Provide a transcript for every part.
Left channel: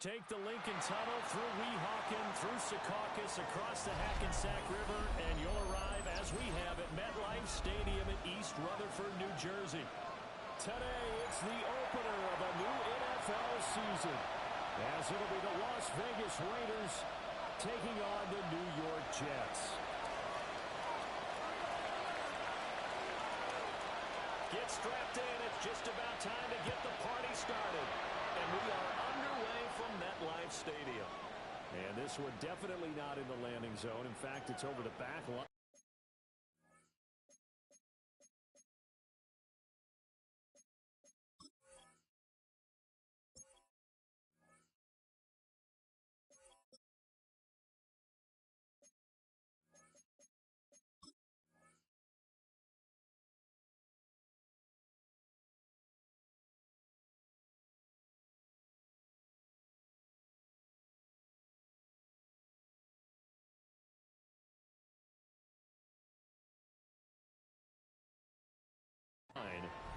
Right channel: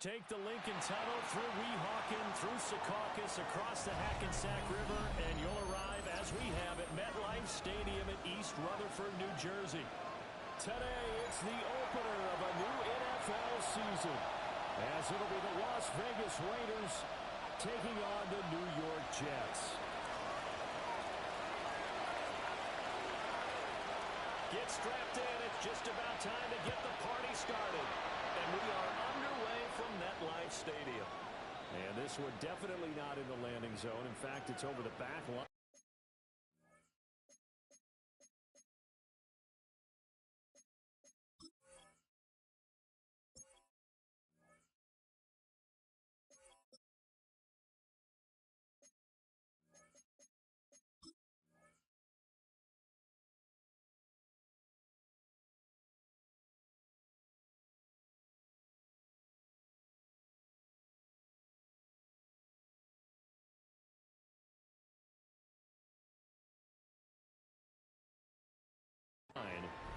Take the Lincoln Tunnel through Weehawken, through Secaucus, across the Hackensack River, and you'll arrive, as we have, at MetLife Stadium in East Rutherford, New Jersey. Today, it's the opener of a new NFL season, as it'll be the Las Vegas Raiders taking on the New York Jets. Get strapped in. It's just about time to get the party started. And we are underway from MetLife Stadium. And this one definitely not in the landing zone. In fact, it's over the back line.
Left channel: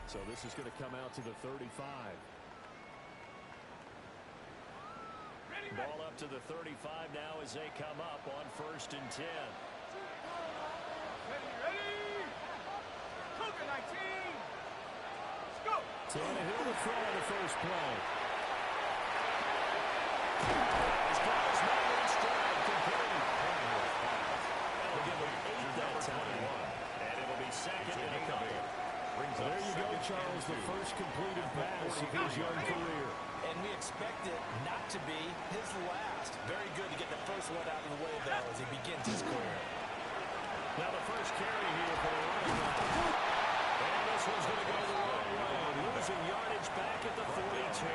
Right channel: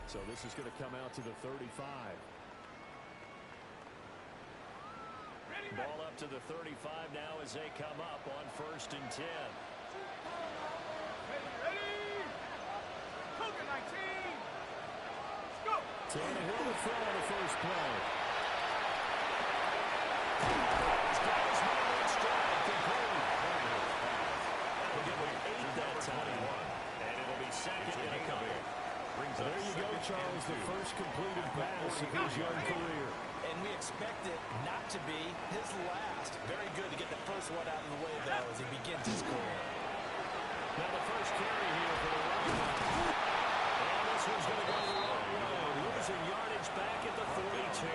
So this is going to come out to the 35. Ball up to the 35 now as they come up on 1st and 10. Ready. Cougar 19. Let's go. Tannehill to throw on the first play. He's got his man in stride, complete. That'll give him 8 that time. And it'll be second and a couple. There you go, Charles, the first completed pass of his young career. And we expect it not to be his last. Very good to get the first one out of the way, though, as he begins his career. Now the first carry here for the running back. And this one's going to go the wrong way. Losing yardage back at the 42.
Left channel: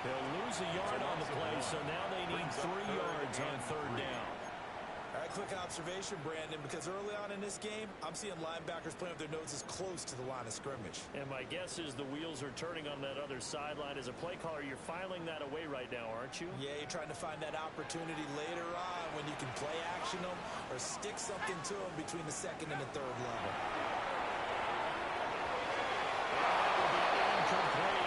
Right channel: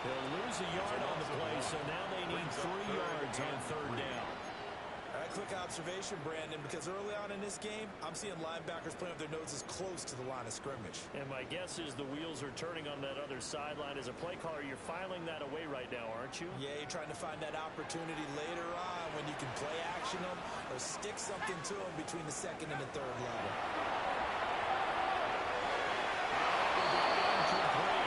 They'll lose a yard on the play, so now they need 3 yards on 3rd down. All right, quick observation, Brandon, because early on in this game, I'm seeing linebackers playing with their noses close to the line of scrimmage. And my guess is the wheels are turning on that other sideline. As a play caller, you're filing that away right now, aren't you? Yeah, you're trying to find that opportunity later on when you can play action them or stick something to them between the 2nd and the 3rd level. Incomplete.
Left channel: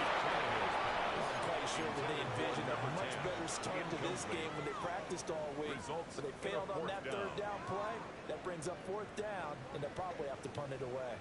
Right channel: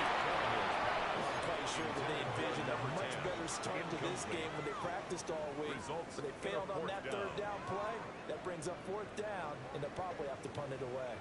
I'm quite sure that they envisioned a much better start to this game when they practiced all week. But they failed on that 3rd down play. That brings up 4th down, and they'll probably have to punt it away.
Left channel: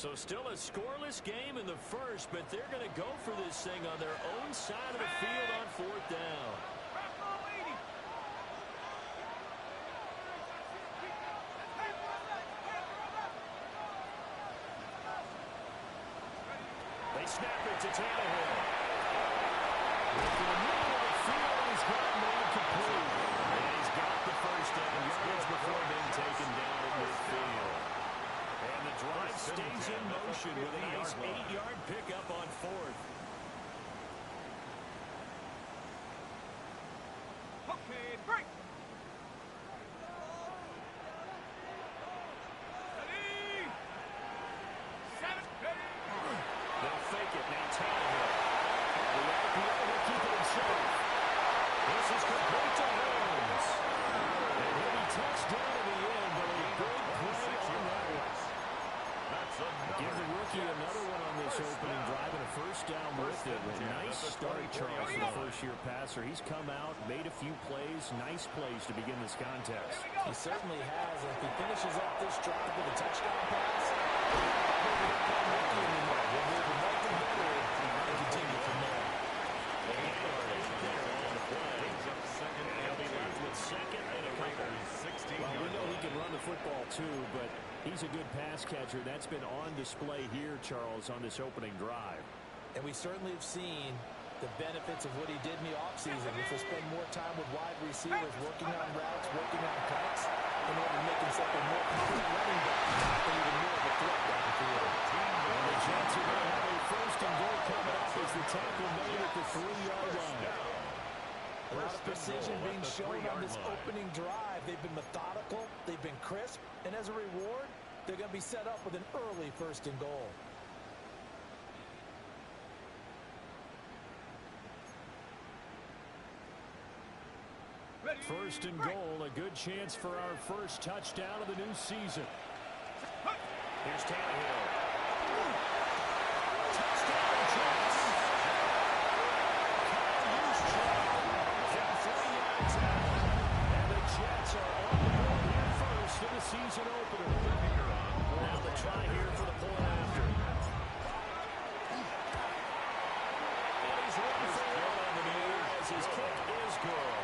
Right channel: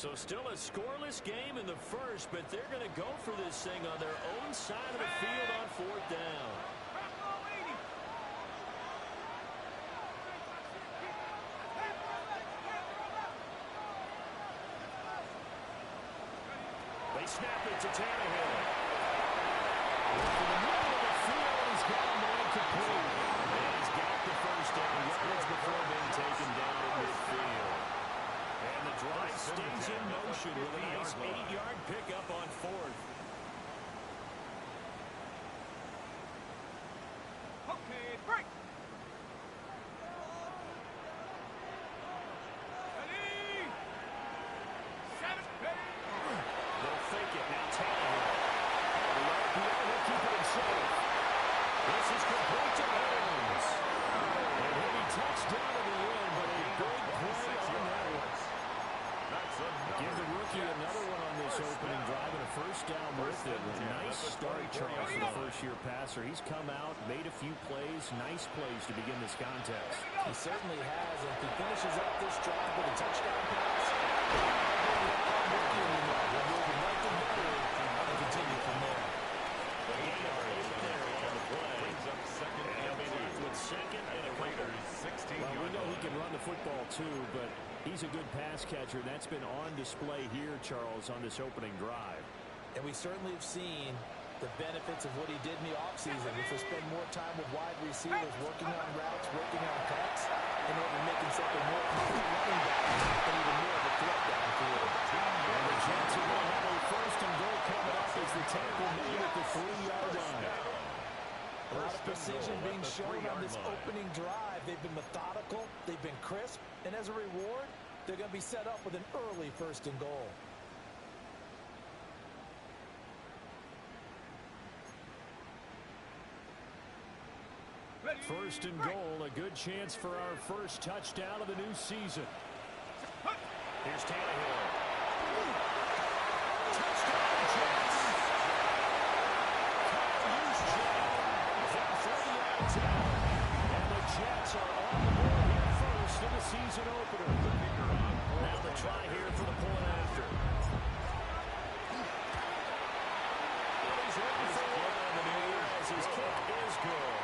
So still a scoreless game in the first, but they're going to go for this thing on their own side of the field on fourth down. They snap it to Tannehill. Looking in the middle of the field, and he's got him incomplete. And he's got the first down yards before being taken down at midfield. And the drive stays in motion with a nice 8-yard pickup on fourth. Okay, break. They'll fake it. Now Tannehill. The RPO will keep it himself. This is complete to Holmes. And he'll be touched down to the end, but a big play on that one. Give the rookie another one on this opening drive and a first down with it. A nice start, Charles, for the first-year passer. He's come out, made a few plays, nice plays to begin this contest. He certainly has. If he finishes up this drive with a touchdown pass, maybe not call rookie anymore. He'll move him right to veteran and continue from there. The gain of 8 there on the play. And he'll be left with second and a couple. Well, we know he can run the football too, but he's a good pass catcher. That's been on display here, Charles, on this opening drive. And we certainly have seen the benefits of what he did in the offseason, which was spend more time with wide receivers, working on routes, working on cuts, in order to make himself a more complete running back and even more of a threat down the field. And the Jets are going to have a first and goal coming up as the tackle made at the 3-yard line. A lot of precision being shown on this opening drive. They've been methodical, they've been crisp, and as a reward, they're going to be set up with an early first and goal. First and goal, a good chance for our first touchdown of the new season. Here's Tannehill. Touchdown, Jets. Kyle 3 yards out. And the Jets are on the board here first in the season opener. Now the try here for the point after. And he's 1 for 1 on the new year as his kick is good.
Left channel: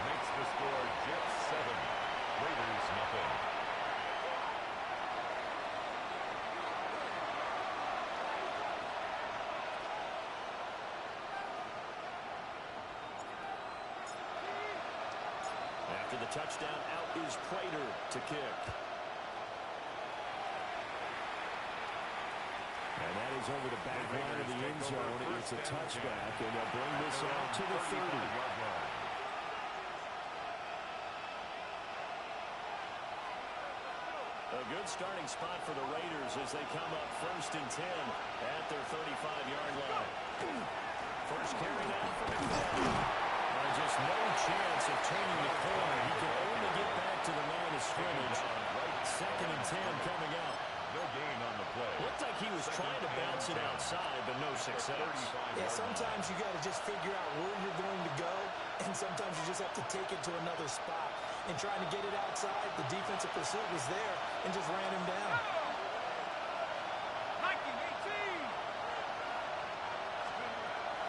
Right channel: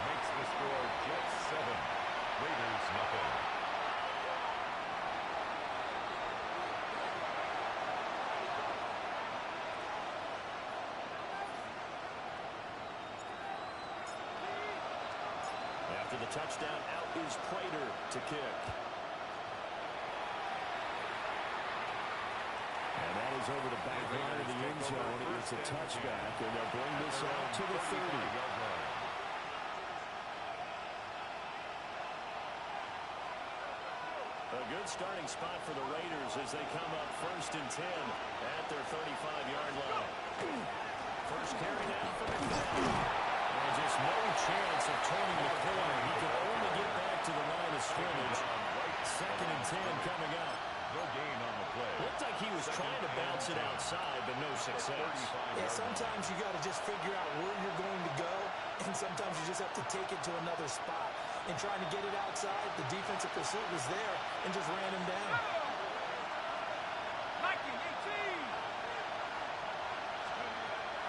Makes the score Jets 7, Raiders nothing. After the touchdown, out is Prater to kick. And that is over the back line of the end zone. It's a touchback, and they'll bring this out to the 30. A good starting spot for the Raiders as they come up first and 10 at their 35-yard line. First carry now for McFadden. And just no chance of turning the corner. He can only get back to the line of scrimmage. Second and 10 coming up. No gain on the play. Looked like he was trying to bounce it outside, but no success. Yeah, sometimes you got to just figure out where you're going to go, and sometimes you just have to take it to another spot. And trying to get it outside, the defensive pursuit was there and just ran him down. 19-18.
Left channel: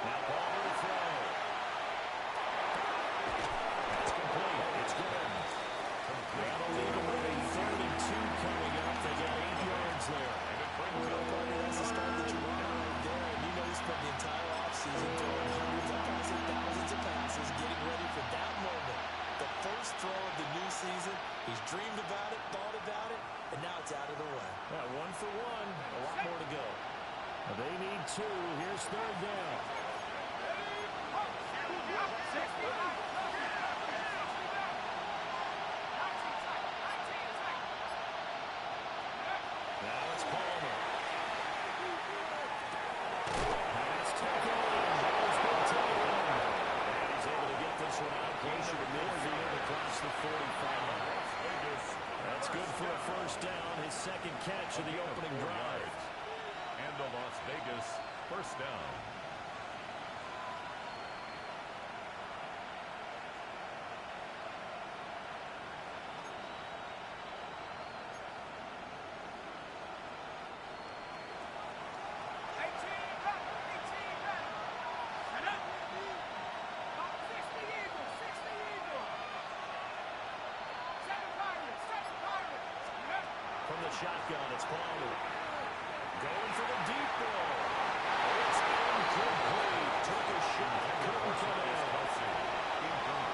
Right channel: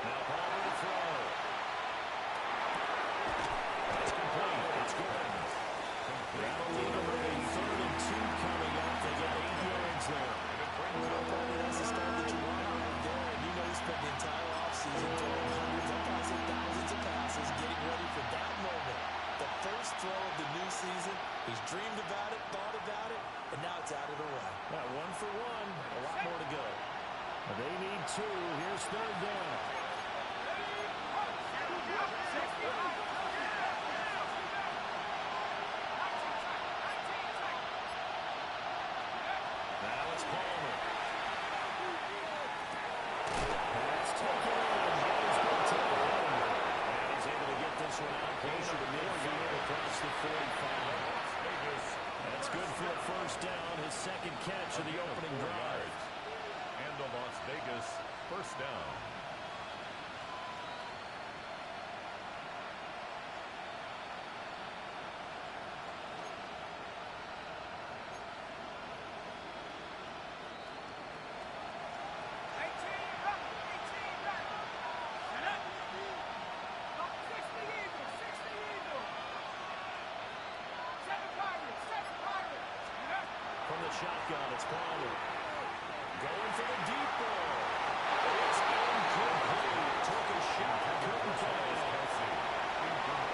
Now Palmer to throw. That's complete. It's good. That'll lead them with a 3rd and 2 coming up. They got 8 yards there. That's the start that you want right there. And you know he spent the entire offseason throwing hundreds, if not thousands of passes, getting ready for that moment. The first throw of the new season. He's dreamed about it, thought about it, and now it's out of the way. Yeah, 1 for 1. A lot more to go. They need 2. Here's 3rd down. Now it's Palmer. That's taken in. Ball's been taken. And he's able to get this one out closer to midfield across the 45. That's good for a first down. His second catch of the opening drive. And the Las Vegas first down. From the shotgun, it's Palmer. Going for the deep ball. It's incomplete. Took a shot. Couldn't come in.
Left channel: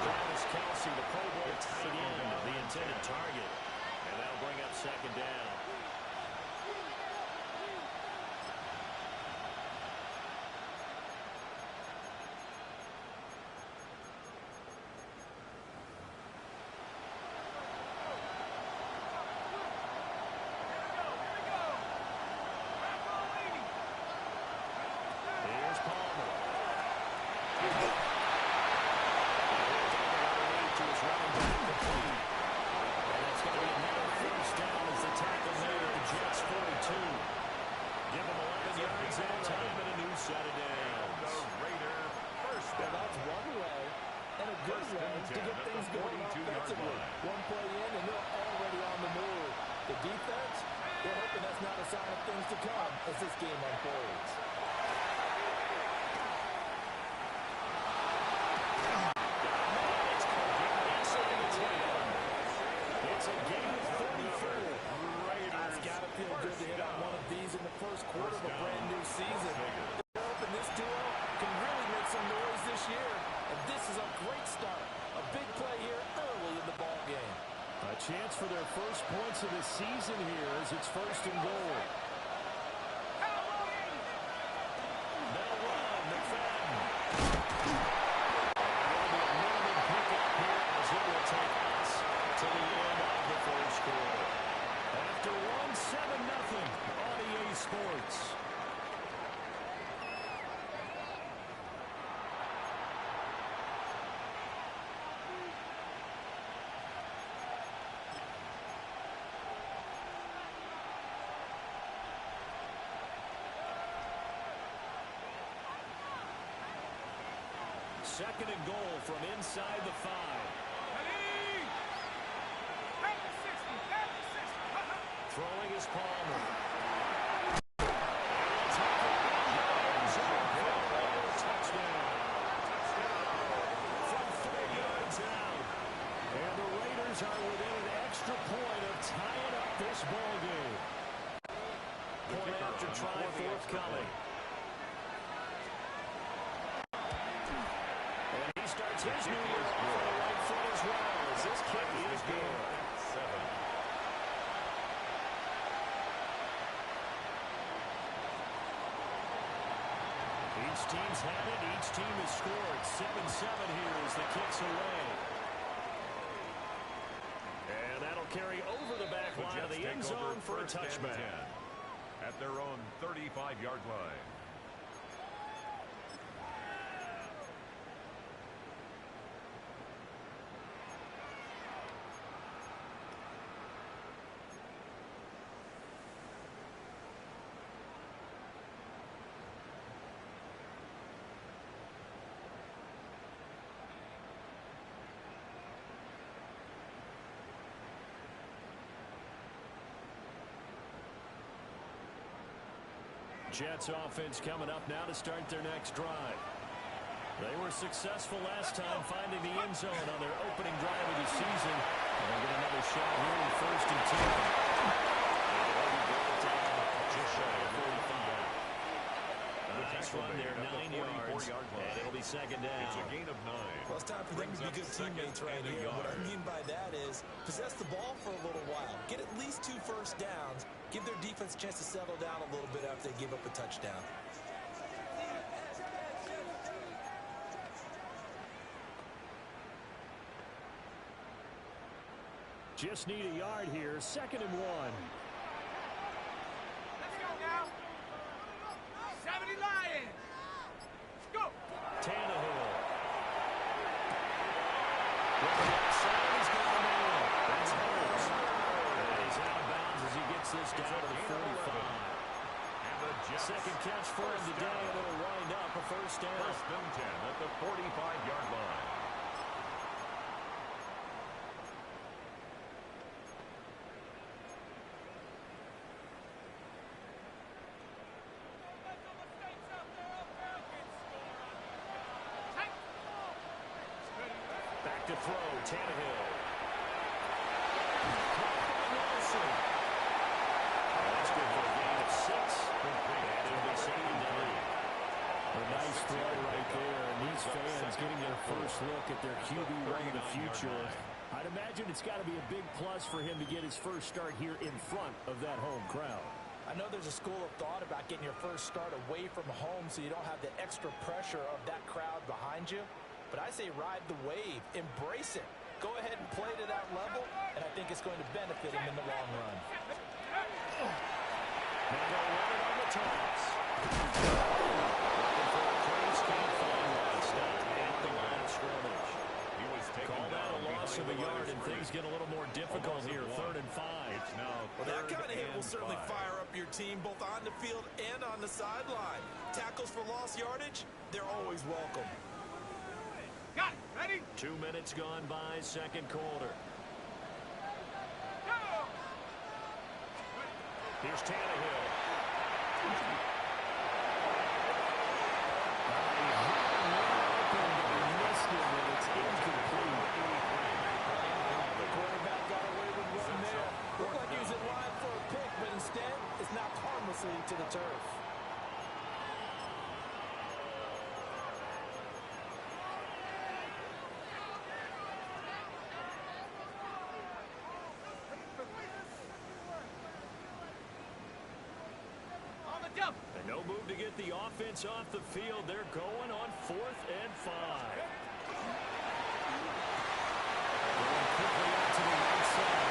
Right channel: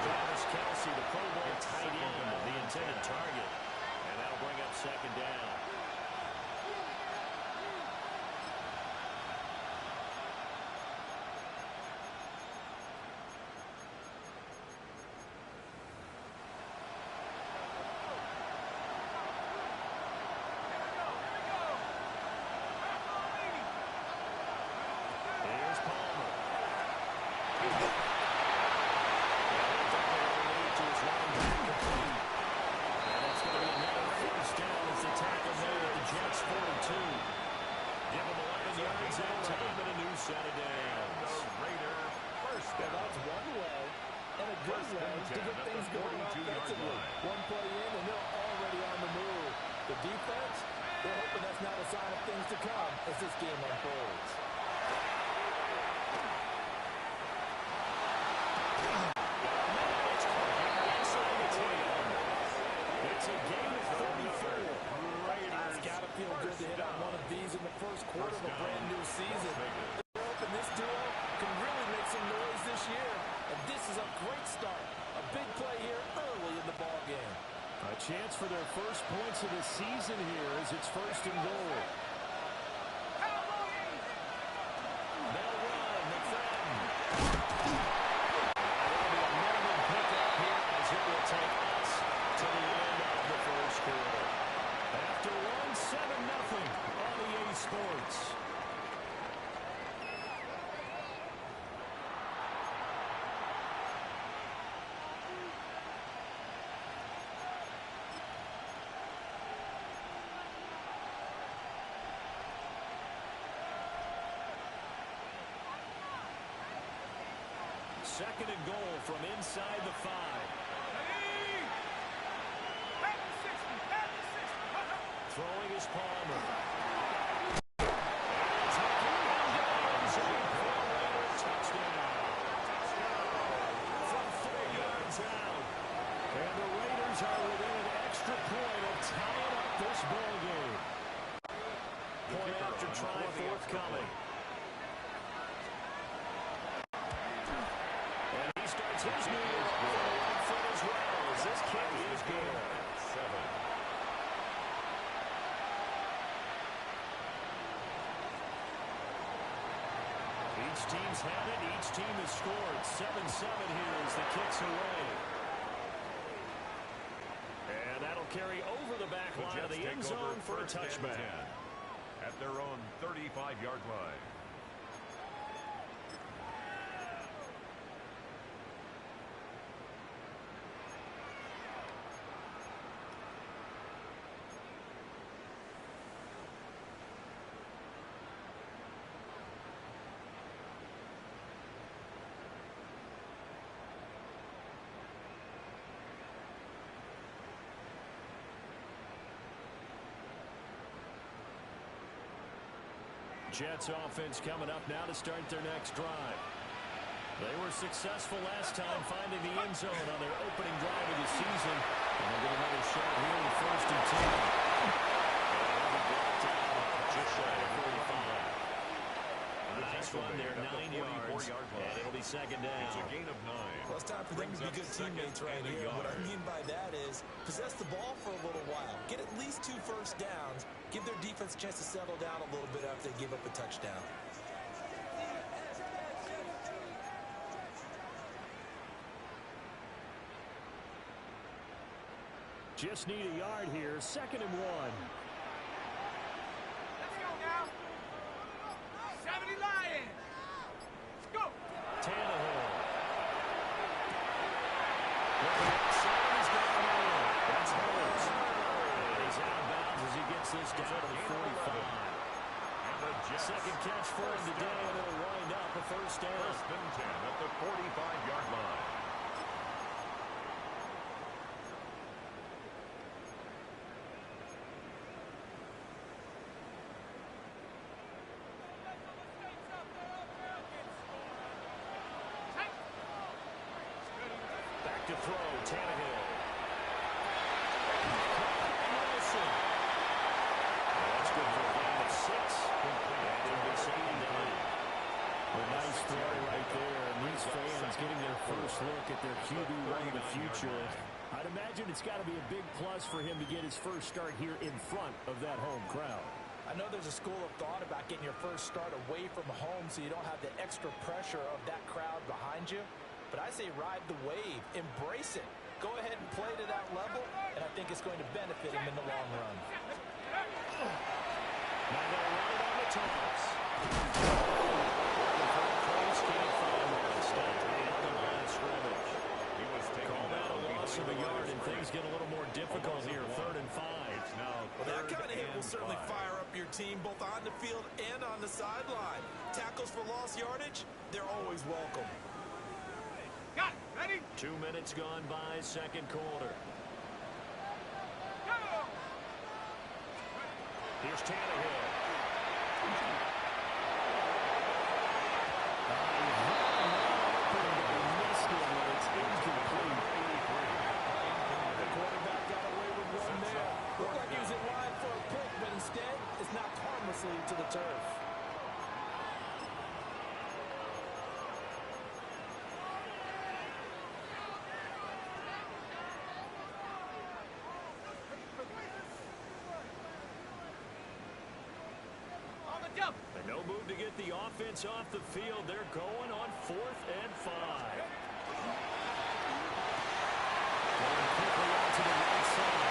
Travis Kelce, the Pro Bowl tight end, the intended target. And that'll bring up second down. Here's Palmer. To his running back complete. And that's going to be another first down as the tackle made at the Jets' 42. Give them 11 yards that time and a new set of downs. The Raider first down. Well, that's one way and a good way to get things going offensively. One play in and they're already on the move. The defense, they're hoping that's not a sign of things to come as this game unfolds. It's a game of 34. It's got to feel good to hit on one of these in the first quarter of a brand new season. They're hoping this duo can really make some noise this year, and this is a great start. A big play here early in the ball game. A chance for their first points of the season here as it's first and goal. They'll run. McFadden. And it'll be a minimum pickup here as it will take us to the end of the first quarter. After 1-7-0 on EA Sports. Second and goal from inside the 5. Throwing is Palmer. And it's taken into the end zone for a Raider touchdown. From 3 yards out. And the Raiders are within an extra point of tying up this ball game. Point after try forthcoming. And he starts his new year off on the right foot as well as this kick is good. 7. Each team's had it. Each team has scored. 7-7 here as the kick's away. And that'll carry over the back line of the end zone for a touchback. At their own 35-yard line. Jets offense coming up now to start their next drive. They were successful last time finding the end zone on their opening drive of the season. And they'll get another shot here with 1st and 10. And they'll be brought down just shy of 45. Nice run there, 9 yards. And it'll be second down. It's a gain of 9. Well, it's time for them to be good teammates right here. What I mean by that is possess the ball for a little while. Get at least 2 first downs. Give their defense a chance to settle down a little bit after they give up a touchdown. Just need a yard here. 2nd and 1. Let's go now. 70 Lions. Let's go. Tannehill. With the outside, he's got the middle. That's Holmes. And he's out of bounds as he gets this down to the 45. And the Jets. Second catch for him today, and it'll wind up a first down. 1st and 10 at the 45-yard line. Back to throw, Tannehill. Caught by Nelson. getting their first look at their QB1 of the future. I'd imagine it's got to be a big plus for him to get his first start here in front of that home crowd. I know there's a school of thought about getting your first start away from home so you don't have the extra pressure of that crowd behind you. But I say ride the wave. Embrace it. Go ahead and play to that level, and I think it's going to benefit him in the long run. Now they'll run it on the toss. Looking for a place, can't find one. Stopped at the line of scrimmage. He was taken Call that a loss of a yard, and things get a little more difficult here. 3rd and 5. Well, that kind of hit will certainly fire up your team both on the field and on the sideline. Tackles for lost yardage, they're always welcome. Got it. Ready? 2 minutes gone by, second quarter. Go! Here's Tannehill. The quarterback got away with one there. Looked like he was in line for a pick, but instead, it's knocked harmlessly to the turf. On the jump. And no move to get the offense off the field. They're going on 4th and 5. Going quickly out to the right side.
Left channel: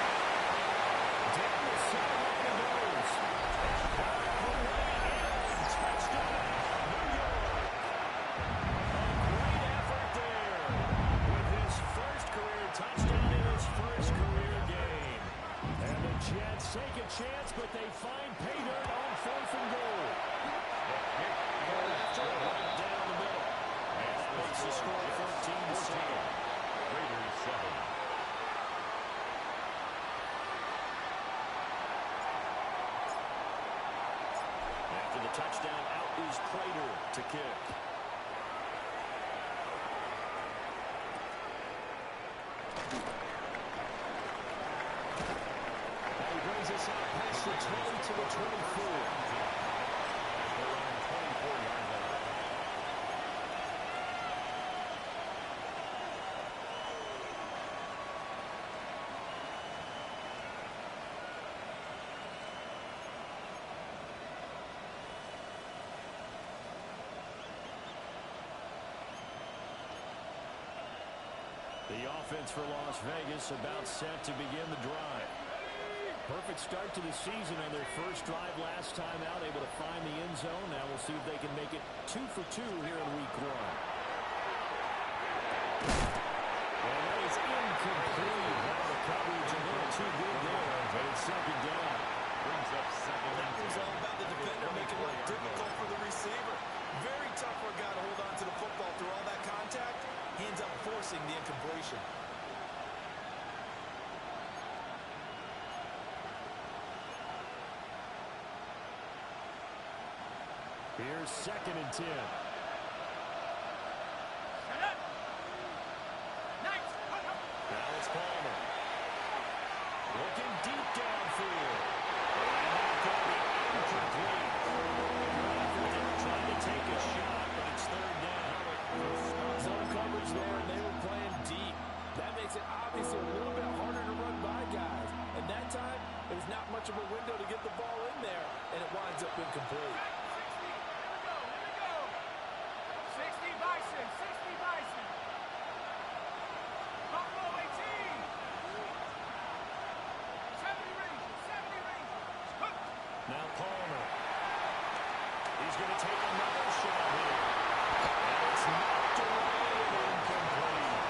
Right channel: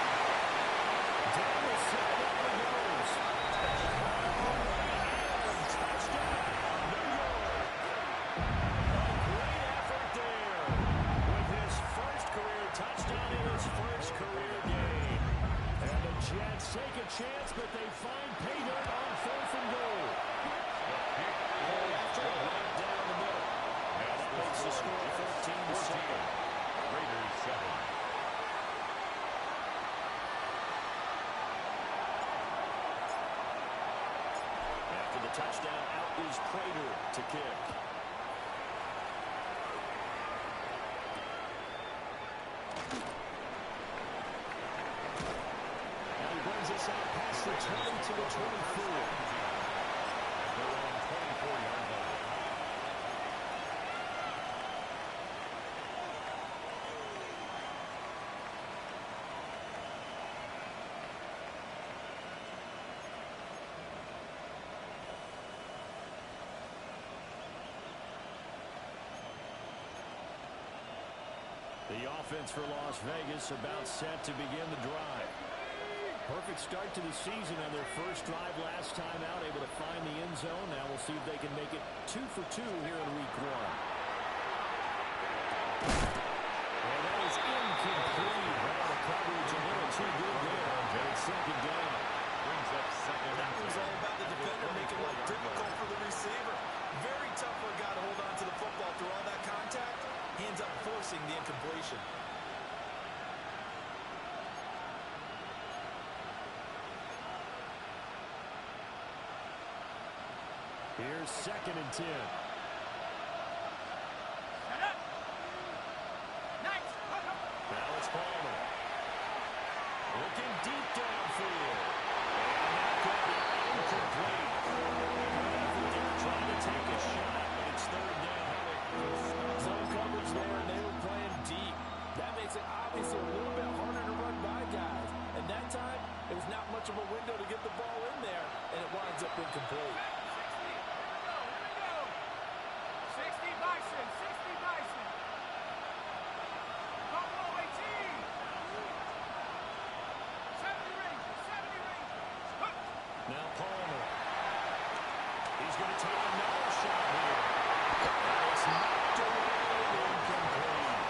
Down the sideline he goes. Touchdown, New York. A great effort there with his first career touchdown in his first career game. And the Jets take a chance, but they find pay dirt on 4th and goal. Right down the middle. And that makes the score 14-7. Raiders 7. After the touchdown, out is Prater to kick. Now he brings us out past the 20 to the 24. At their own 24-yard line. The offense for Las Vegas about set to begin the drive. Perfect start to the season on their first drive last time out, able to find the end zone. Now we'll see if they can make it 2 for 2 here in week 1. And that is incomplete. Well, the coverage a little too good there, and it's 2nd down. Brings up 2nd and 10. That was all about the defender making life difficult for the receiver. Very tough for a guy to hold on to the football through all that contact. Hands up forcing the incompletion. Here's 2nd and 10. Shut up. Nice. Now it's Palmer. Looking deep downfield. And that could be incomplete. Good effort there trying to take a shot, but it's 3rd down. Zone coverage there, and they were playing deep. That makes it obviously a little bit harder to run by guys. And that time, it was not much of a window to get the ball in there, and it winds up incomplete. 60 Bison, 60 Bison. Buffalo 18. 70 Rangers, 70 Rangers. Hook. Now Palmer. He's going to take another shot here. And it's knocked away and incomplete.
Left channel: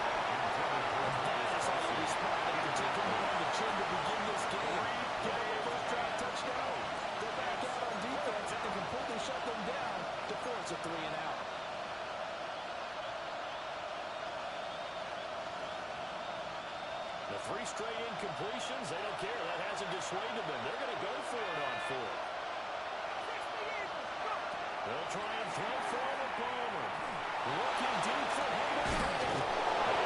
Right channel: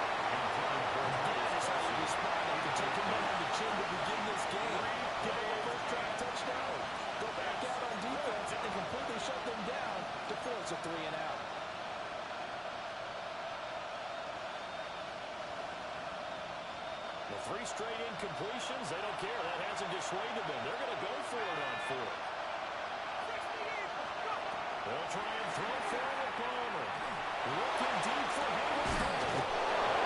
That is how you respond after taking one on the chin to begin this game. Give up a first drive touchdown. Go back out on defense and completely shut them down to force a 3 and out. The 3 straight incompletions, they don't care. That hasn't dissuaded them. They're going to go for it on 4th. They'll try and throw for it with Palmer. Looking deep for Hayward.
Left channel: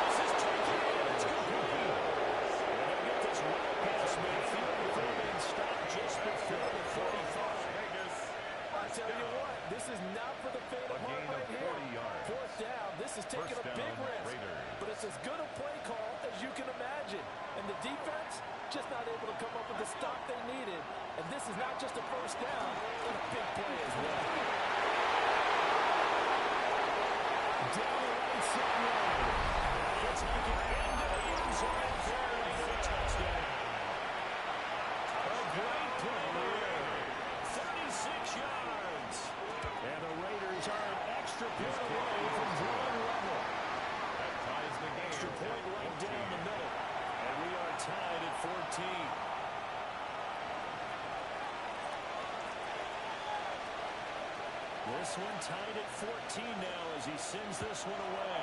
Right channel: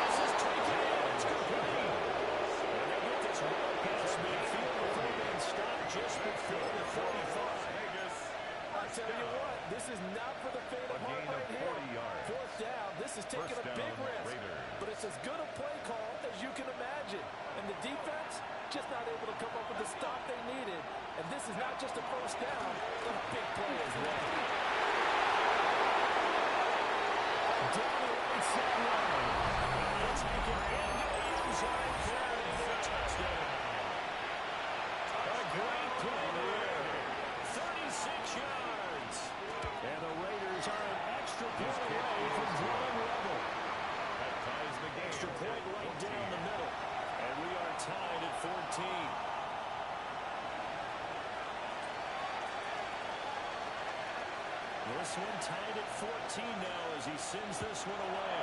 This is taken in. It's complete. And they'll get this well past midfield before being stopped just before the 45. Vegas. I'll tell you what, this is not for the faint of heart right here. 40 yards. Fourth down, this is taking a big risk. Raiders. But it's as good a play call as you can imagine. And the defense just not able to come up with the stop they needed. And this is not just a first down, but a big play as well. Down the right sideline. And he'll take it into the end zone for a touchdown. A great play there. 36 yards. And the Raiders are an extra point away from drawing level. That ties the game. Extra point right down the middle. And we are tied at 14. This one tied at 14 now as he sends this one away.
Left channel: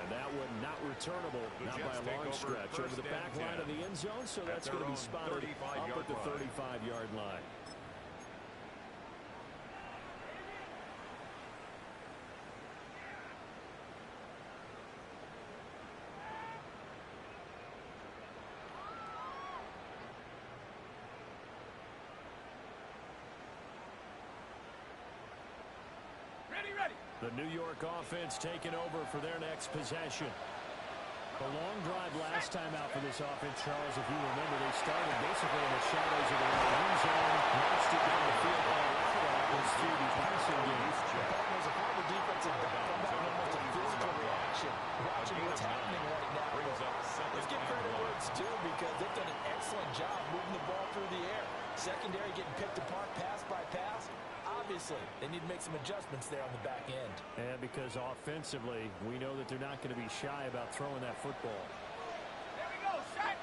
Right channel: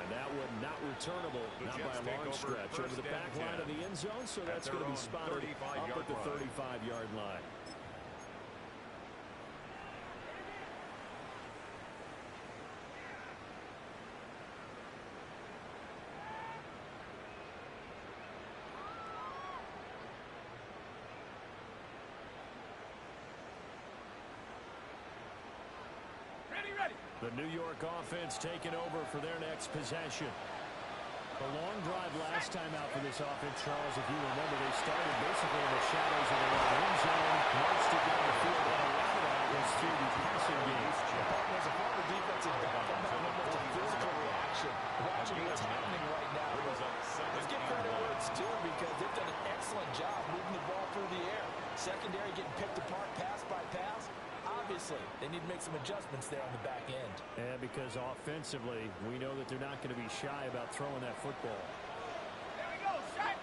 And that one not returnable, not by a long stretch, over the back line of the end zone, so that's going to be spotted up at the 35-yard line. Ready. The New York offense taking over for their next possession. A long drive last time out for this offense, Charles. If you remember, they started basically in the shadows of their own end zone, marched it down the field, and a lot of that was through the passing game. There's a former defensive back. I'm having almost a physical reaction watching what's happening right now. Let's give credit where it's due because they've done an excellent job moving the ball through the air. Secondary getting picked apart pass by pass. Obviously, they need to make some adjustments there on the back end. And because offensively, we know that they're not going to be shy about throwing that football. There we go. Shot.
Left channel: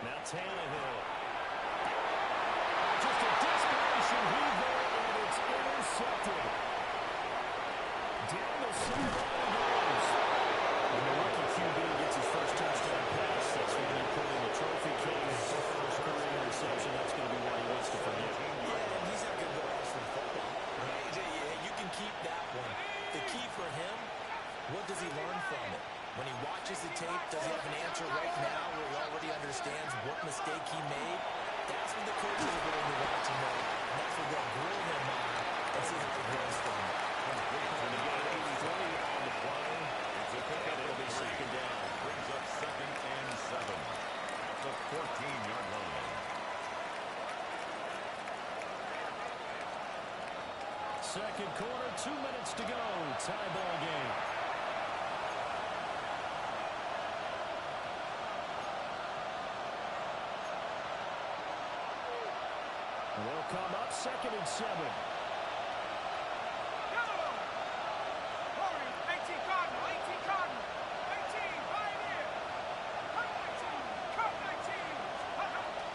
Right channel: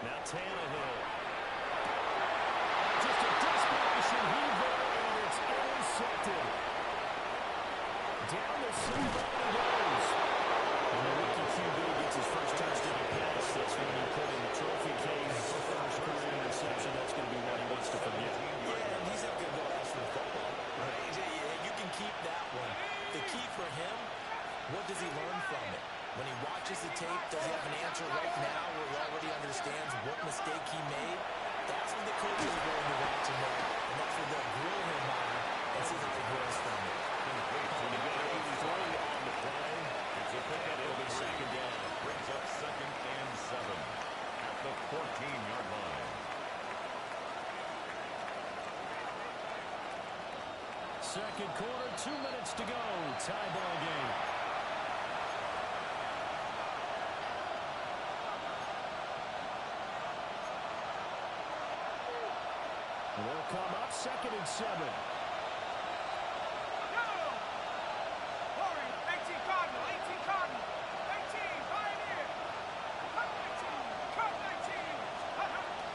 Now Tannehill. Just a desperation heave there, and it's intercepted. Down the sideline it goes. And the rookie QB gets his first touchdown pass. That's when you put in the trophy case. First career interception, that's going to be one he wants to forget. Yeah, and he's not going to go ask for the football, right? You can keep that one. The key for him, what does he learn from it? When he watches the tape, does he have an answer right now where he already understands what mistake he made? That's what the coaches are going to watch him on, and that's what they'll grill him on and see how he grows from it. When they get 83 on the play, and it'll be second down. Brings up 2nd and 7 at the 14-yard line. Second quarter, 2 minutes to go. Tie ball game. And they'll come up 2nd and 7. Hurry. 18 Cardinal. 18 Cardinal. 18 Pioneer. Cut 19. Cut 19.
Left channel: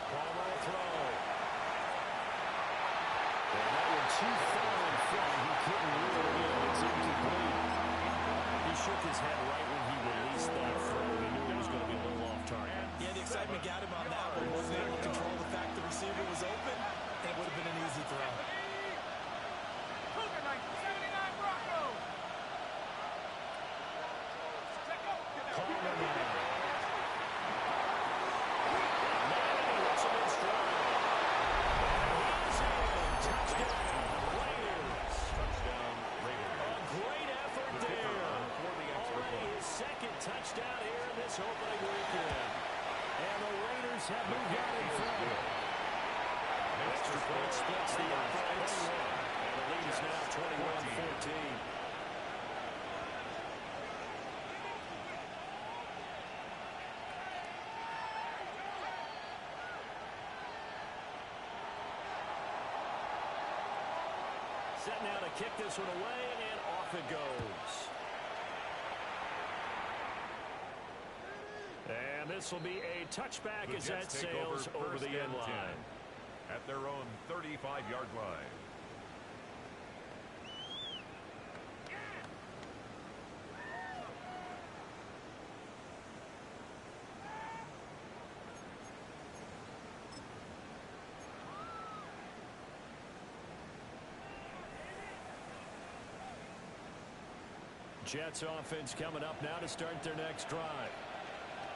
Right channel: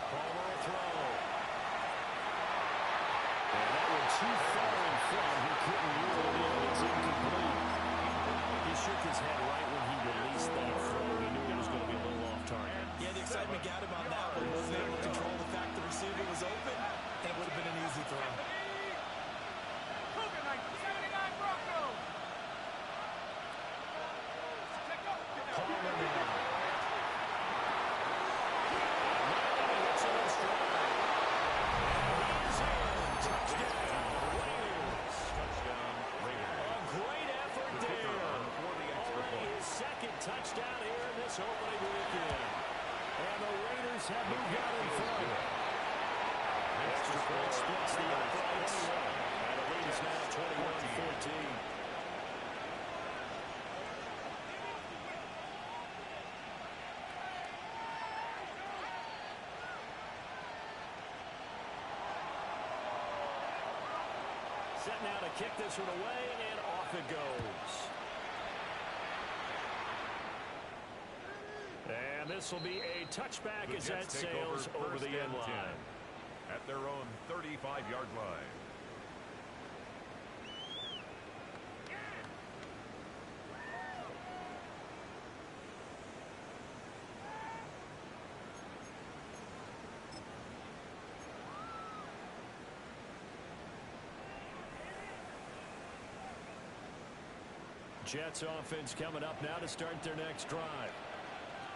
Palmer will throw. And that one too far in front. He couldn't rule it in. It's incomplete. He shook his head right when he released that throw. He knew it was going to be a little off target. Yeah, the excitement got him on that one. Wasn't able to control the fact the receiver was open, and it would have been an easy throw. Cougar 1979 Broncos. Let go. Get down. Palmer now. And he hits him in stride. And he is in. Touchdown, Raiders. Touchdown, Raiders. A great effort The kicker there. on for the extra Already point. his second touchdown here in this opening weekend. And the Raiders have moved out in front. Extra point splits the uprights. And the lead is now 21-14. Set now to kick this one away, and off it goes. And this will be a touchback The as Jets that take sails over first the end and 10 line. at their own 35-yard line. Jets offense coming up now to start their next drive.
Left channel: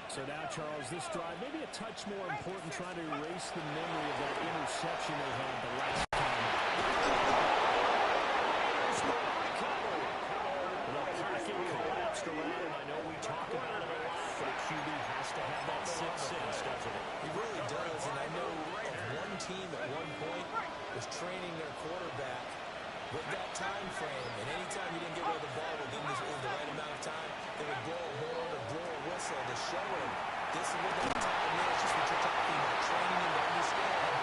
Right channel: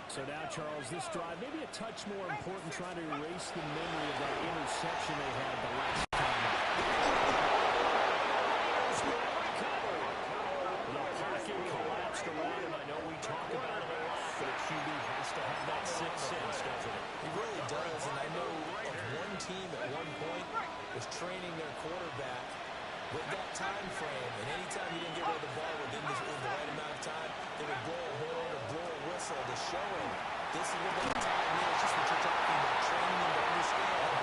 So now, Charles, this drive maybe a touch more important, trying to erase the memory of that interception they had the last time out. The pocket collapsed around him. I know we talk about it a lot, but a QB has to have that sixth sense, doesn't it? He really does, and I know of one team at one point was training their quarterback with that time frame, and anytime he didn't get rid of the ball within the right amount of time, they would blow a horn or blow a whistle to show him this is what that time is, just what you're talking about, training him to understand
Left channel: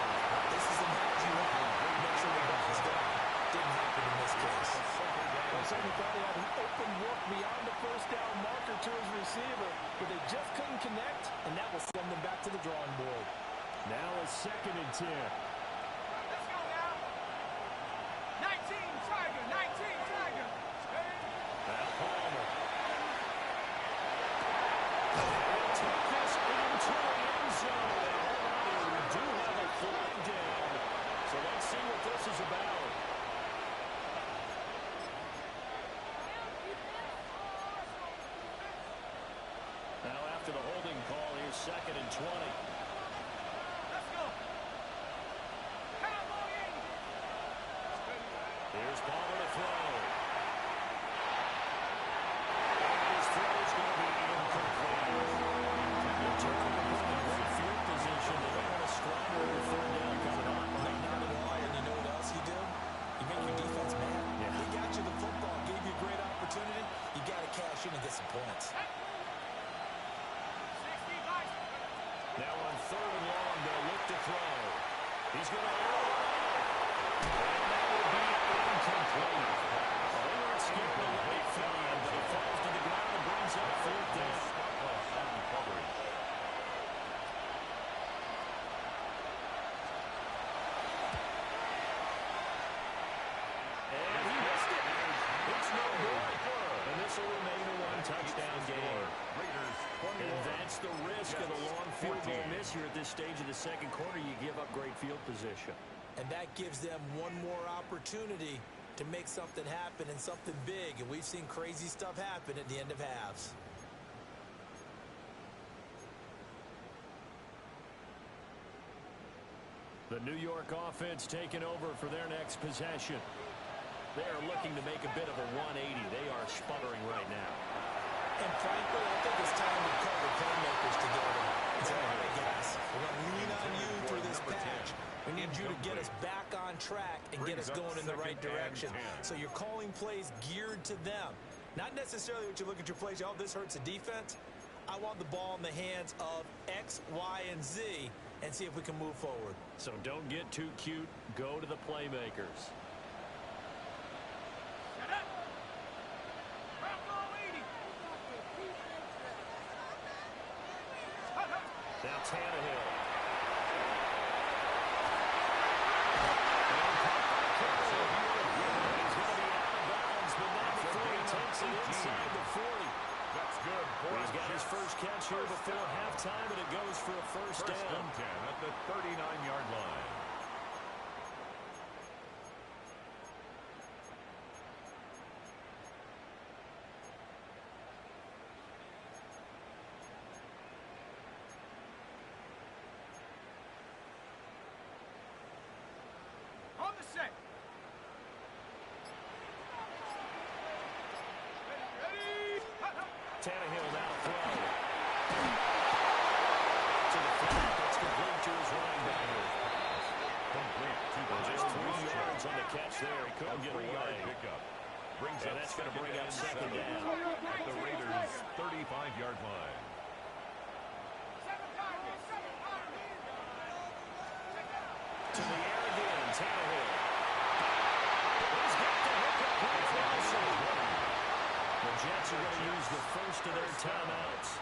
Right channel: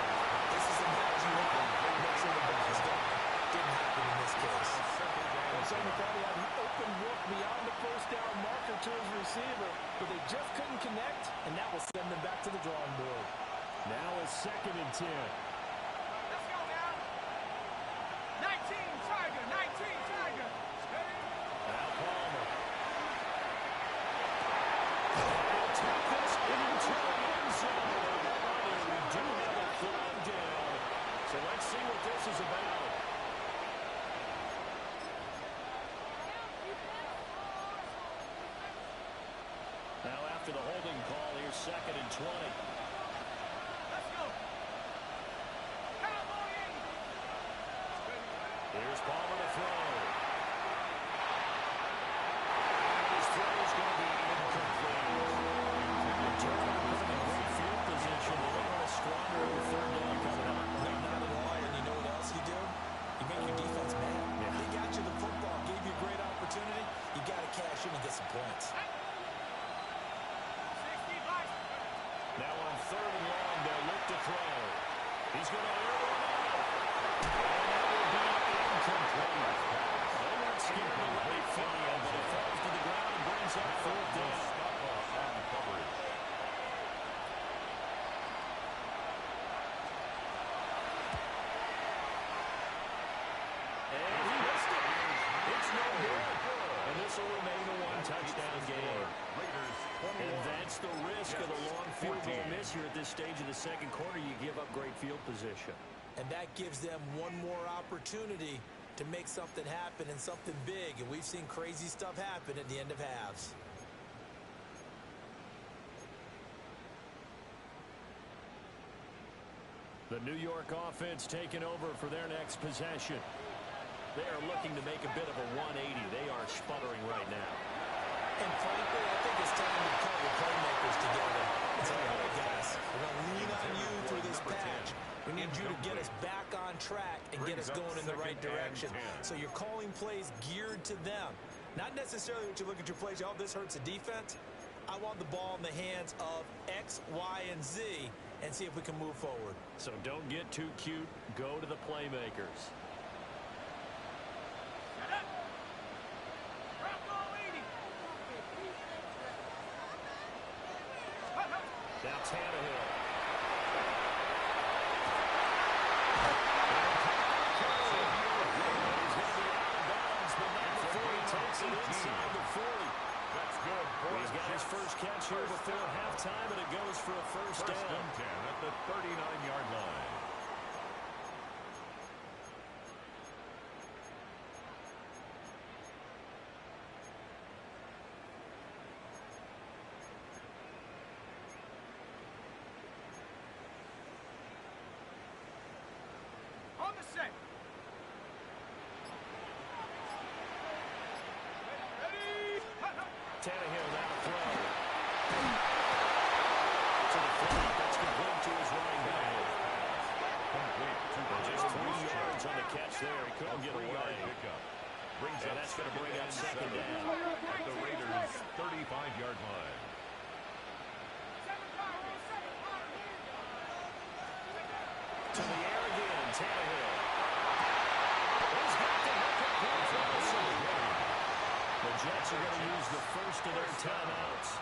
this is the match you have. Make sure the ball's gone. Didn't happen in this case. Well, certainly thought he had an open look beyond the first down marker to his receiver, but they just couldn't connect, and that will send them back to the drawing board. Now a 2nd and 10. Let's go now. 19 Tiger, 19 Tiger. Steady. Now Palmer. They'll take this into the end zone. Now hold on here. We do have a flag down. So let's see what this is about. Now after the holding call, here's 2nd and 20. Let's go. Cowboy 80. Here's Palmer to throw. And his throw is going to be incomplete. Return to put him in great field position. They don't want to squander the 3rd down coming up. No, not at all, and you know what else you do? You make your defense mad. Yeah. They got you the football, gave you a great opportunity. You got to cash in and get some points. 60 Vice. Now on 3rd and long, they'll look to throw. He's going to air one out. And that will be incomplete. Well, they weren't scared to let it fly, but it falls to the ground and brings up 4th down. On coverage. And he missed it. It's no good. And this will remain a one-touchdown game. Raiders And that's the risk of the long field goal 14. miss here at this stage of the 2nd quarter. You give up great field position. And that gives them one more opportunity to make something happen and something big. And we've seen crazy stuff happen at the end of halves. The New York offense taking over for their next possession. They are looking to make a bit of a 180. They are sputtering right now. And frankly, I think it's time to call the playmakers together and say, all right, guys, we're going to lean on you through this patch. We need you to get us back on track and get us going in the right direction. So you're calling plays geared to them. Not necessarily what you look at your plays, oh, this hurts the defense. I want the ball in the hands of X, Y, and Z and see if we can move forward. So don't get too cute. Go to the playmakers. Shut up. Bronco 80. Now Tannehill. He's going to be out of bounds, but not before he takes it inside the 40. That's good. He's got his first catch here before halftime, and it goes for a first down. 1st and 10 at the 39-yard line. On the set. Ready. Tannehill now to throw. To the flat, that's complete to his running back. Complete to Just 3 yards on the catch there. He couldn't get away. Pickup. Brings And up that's going to bring up 2nd down. at the Raiders' 35-yard line. 7 Tigers. 7 Tigers. To the air again, Tannehill. He's got the hook up here for Wilson. The Jets are going to use the first of their timeouts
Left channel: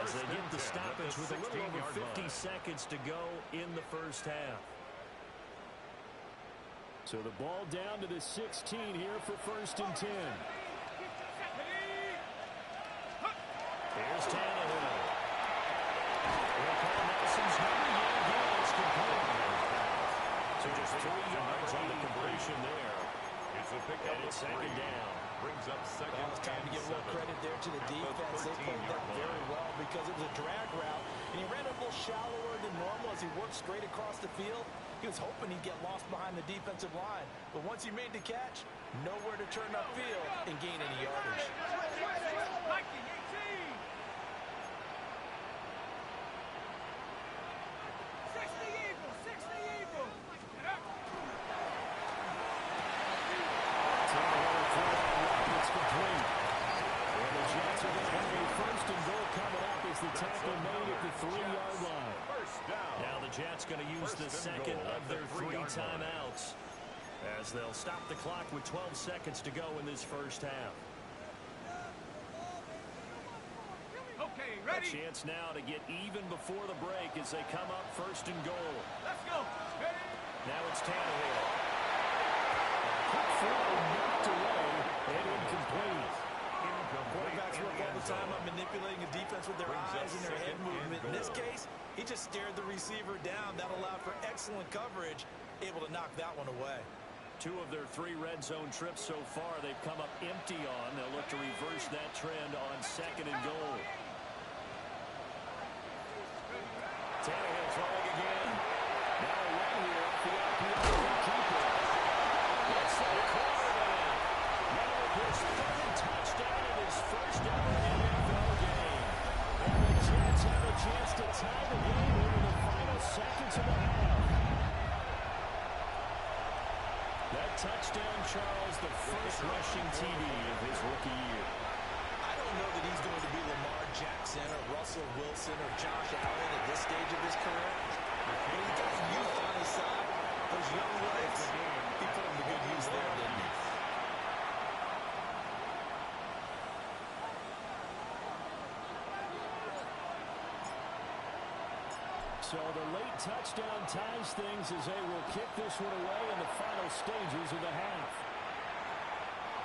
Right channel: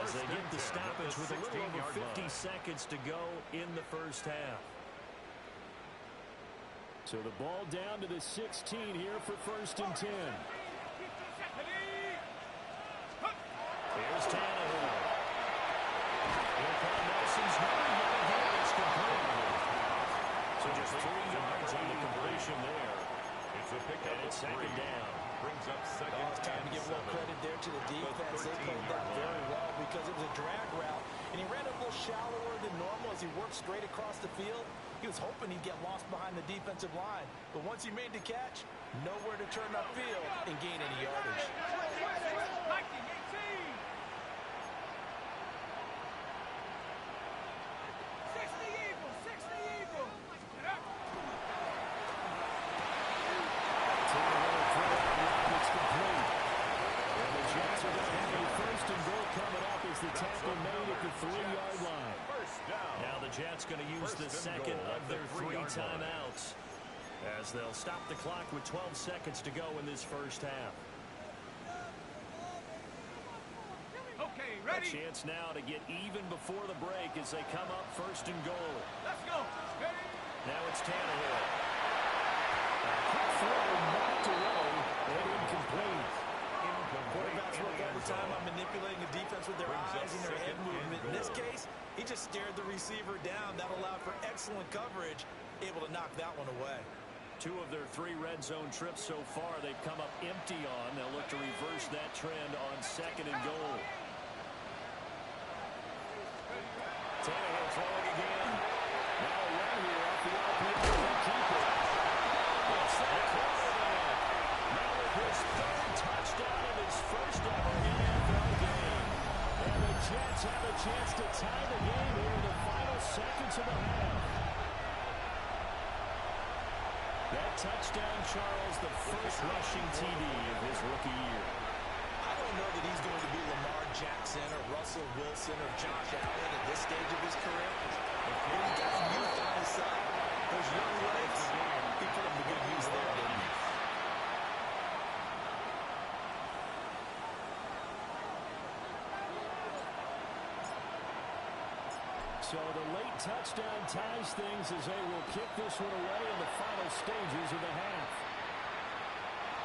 as they get the stoppage with a little over 50 seconds to go in the first half. So the ball down to the 16 here for 1st and 10. Here's Tannehill. He'll call Nelson's number yet again. It's complete. So just 3 yards on the completion there. It's a pickup And of it's 3. 2nd down. Brings up 2nd It's time to and give a little 7 credit there to the at defense. They played 13-yard that very line. well because it was a drag route, and he ran a little shallower than normal as he worked straight across the field. He was hoping he'd get lost behind the defensive line, but once he made the catch, nowhere to turn upfield and gain any yardage. 19-18. 60 Eagles, 60 Eagles. Get up. Tannehill throw out wide, it's complete. And the Jets are going to have a first and goal coming up as the tackle made at the 3-yard line. First down. Now the Jets going to use the second of their 3 timeouts as they'll stop the clock with 12 seconds to go in this first half. Okay, A ready? chance now to get even before the break as they come up first and goal. Let's go. Ready? Now it's Tannehill. A quick throw knocked away and incomplete. Quarterbacks work all the time on manipulating a defense with their eyes and their head movement. In this case, he just stared the receiver down. That allowed for excellent coverage, able to knock that one away. 2 of their 3 red zone trips so far they've come up empty on. They'll look to reverse that trend on second and goal. Tannehill throwing again. Now a run here off the RPO. They'll keep it. It's that quarterback. Now with his 3rd touchdown in his first ever NFL game. And the Jets have a chance to tie the game here in the final seconds of the half. That touchdown, Charles, the first rushing TD of his rookie year. I don't know that he's going to be Lamar Jackson or Russell Wilson or Josh Allen at this stage of his career. But he's got youth on his side. Those young legs, he put them to good use there, didn't he? So the late touchdown ties things as they will kick this one away in the final stages of the half.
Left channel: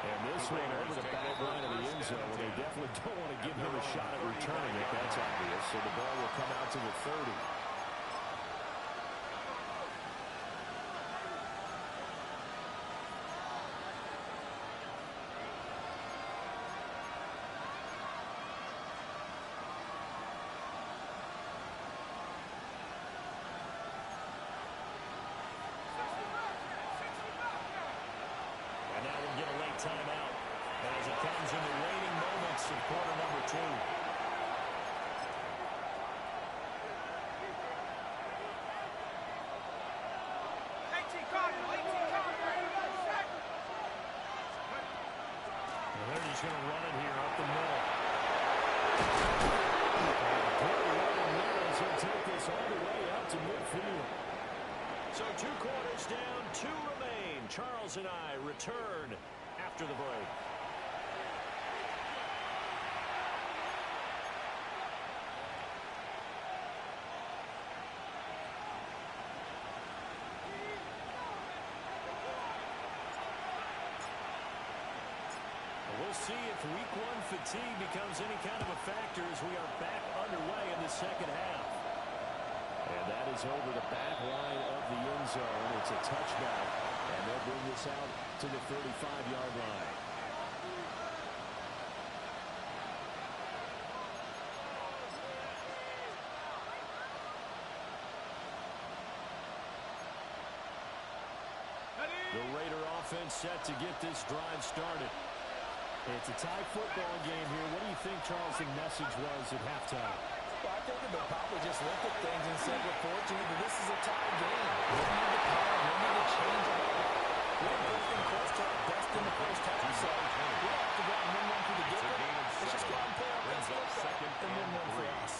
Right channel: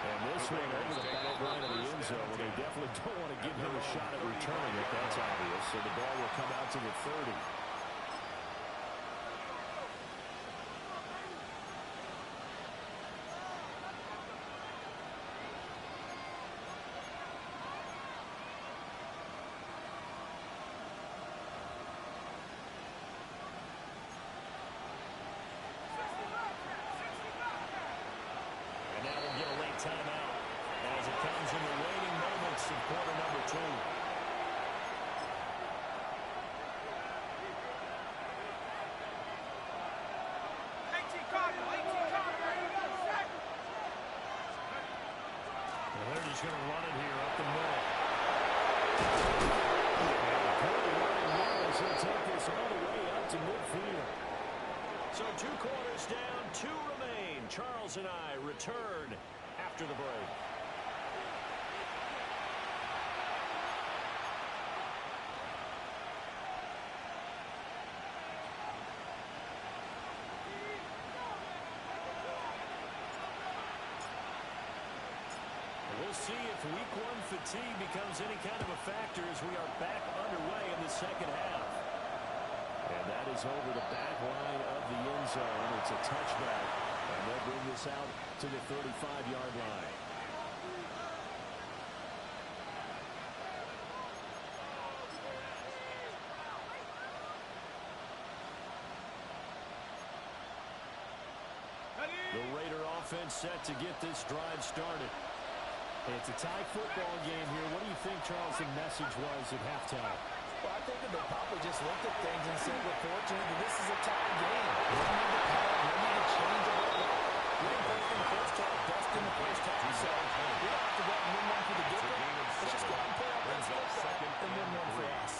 And this one over the back line of the end zone. Well, they definitely don't want to give him a shot at returning it. That's obvious. So the ball will come out to the 30. Now we'll get a late timeout as it comes in the waning moments of quarter number 2. 18 Cardinal, 18 Cardinal. Well, they're just going to run it here up the middle. And good running there as he'll take this all the way up to midfield. So 2 quarters down, 2 remain. Charles and I return after the break. We'll see if week 1 fatigue becomes any kind of a factor as we are back underway in the second half. And that is over the back line of the end zone. It's a touchback, and they'll bring this out to the 35-yard line. The Raider offense set to get this drive started. It's a tie football game here. What do you think, Charles, the message was at halftime? Well, I think that they probably just looked at things and said, we're fortunate that this is a tie game. We don't need to panic. We don't need to change a whole lot. We didn't put anything close to our best in the first half, so we don't have to go out and win one for the giver. Let's just go out and play our best football and win one for us.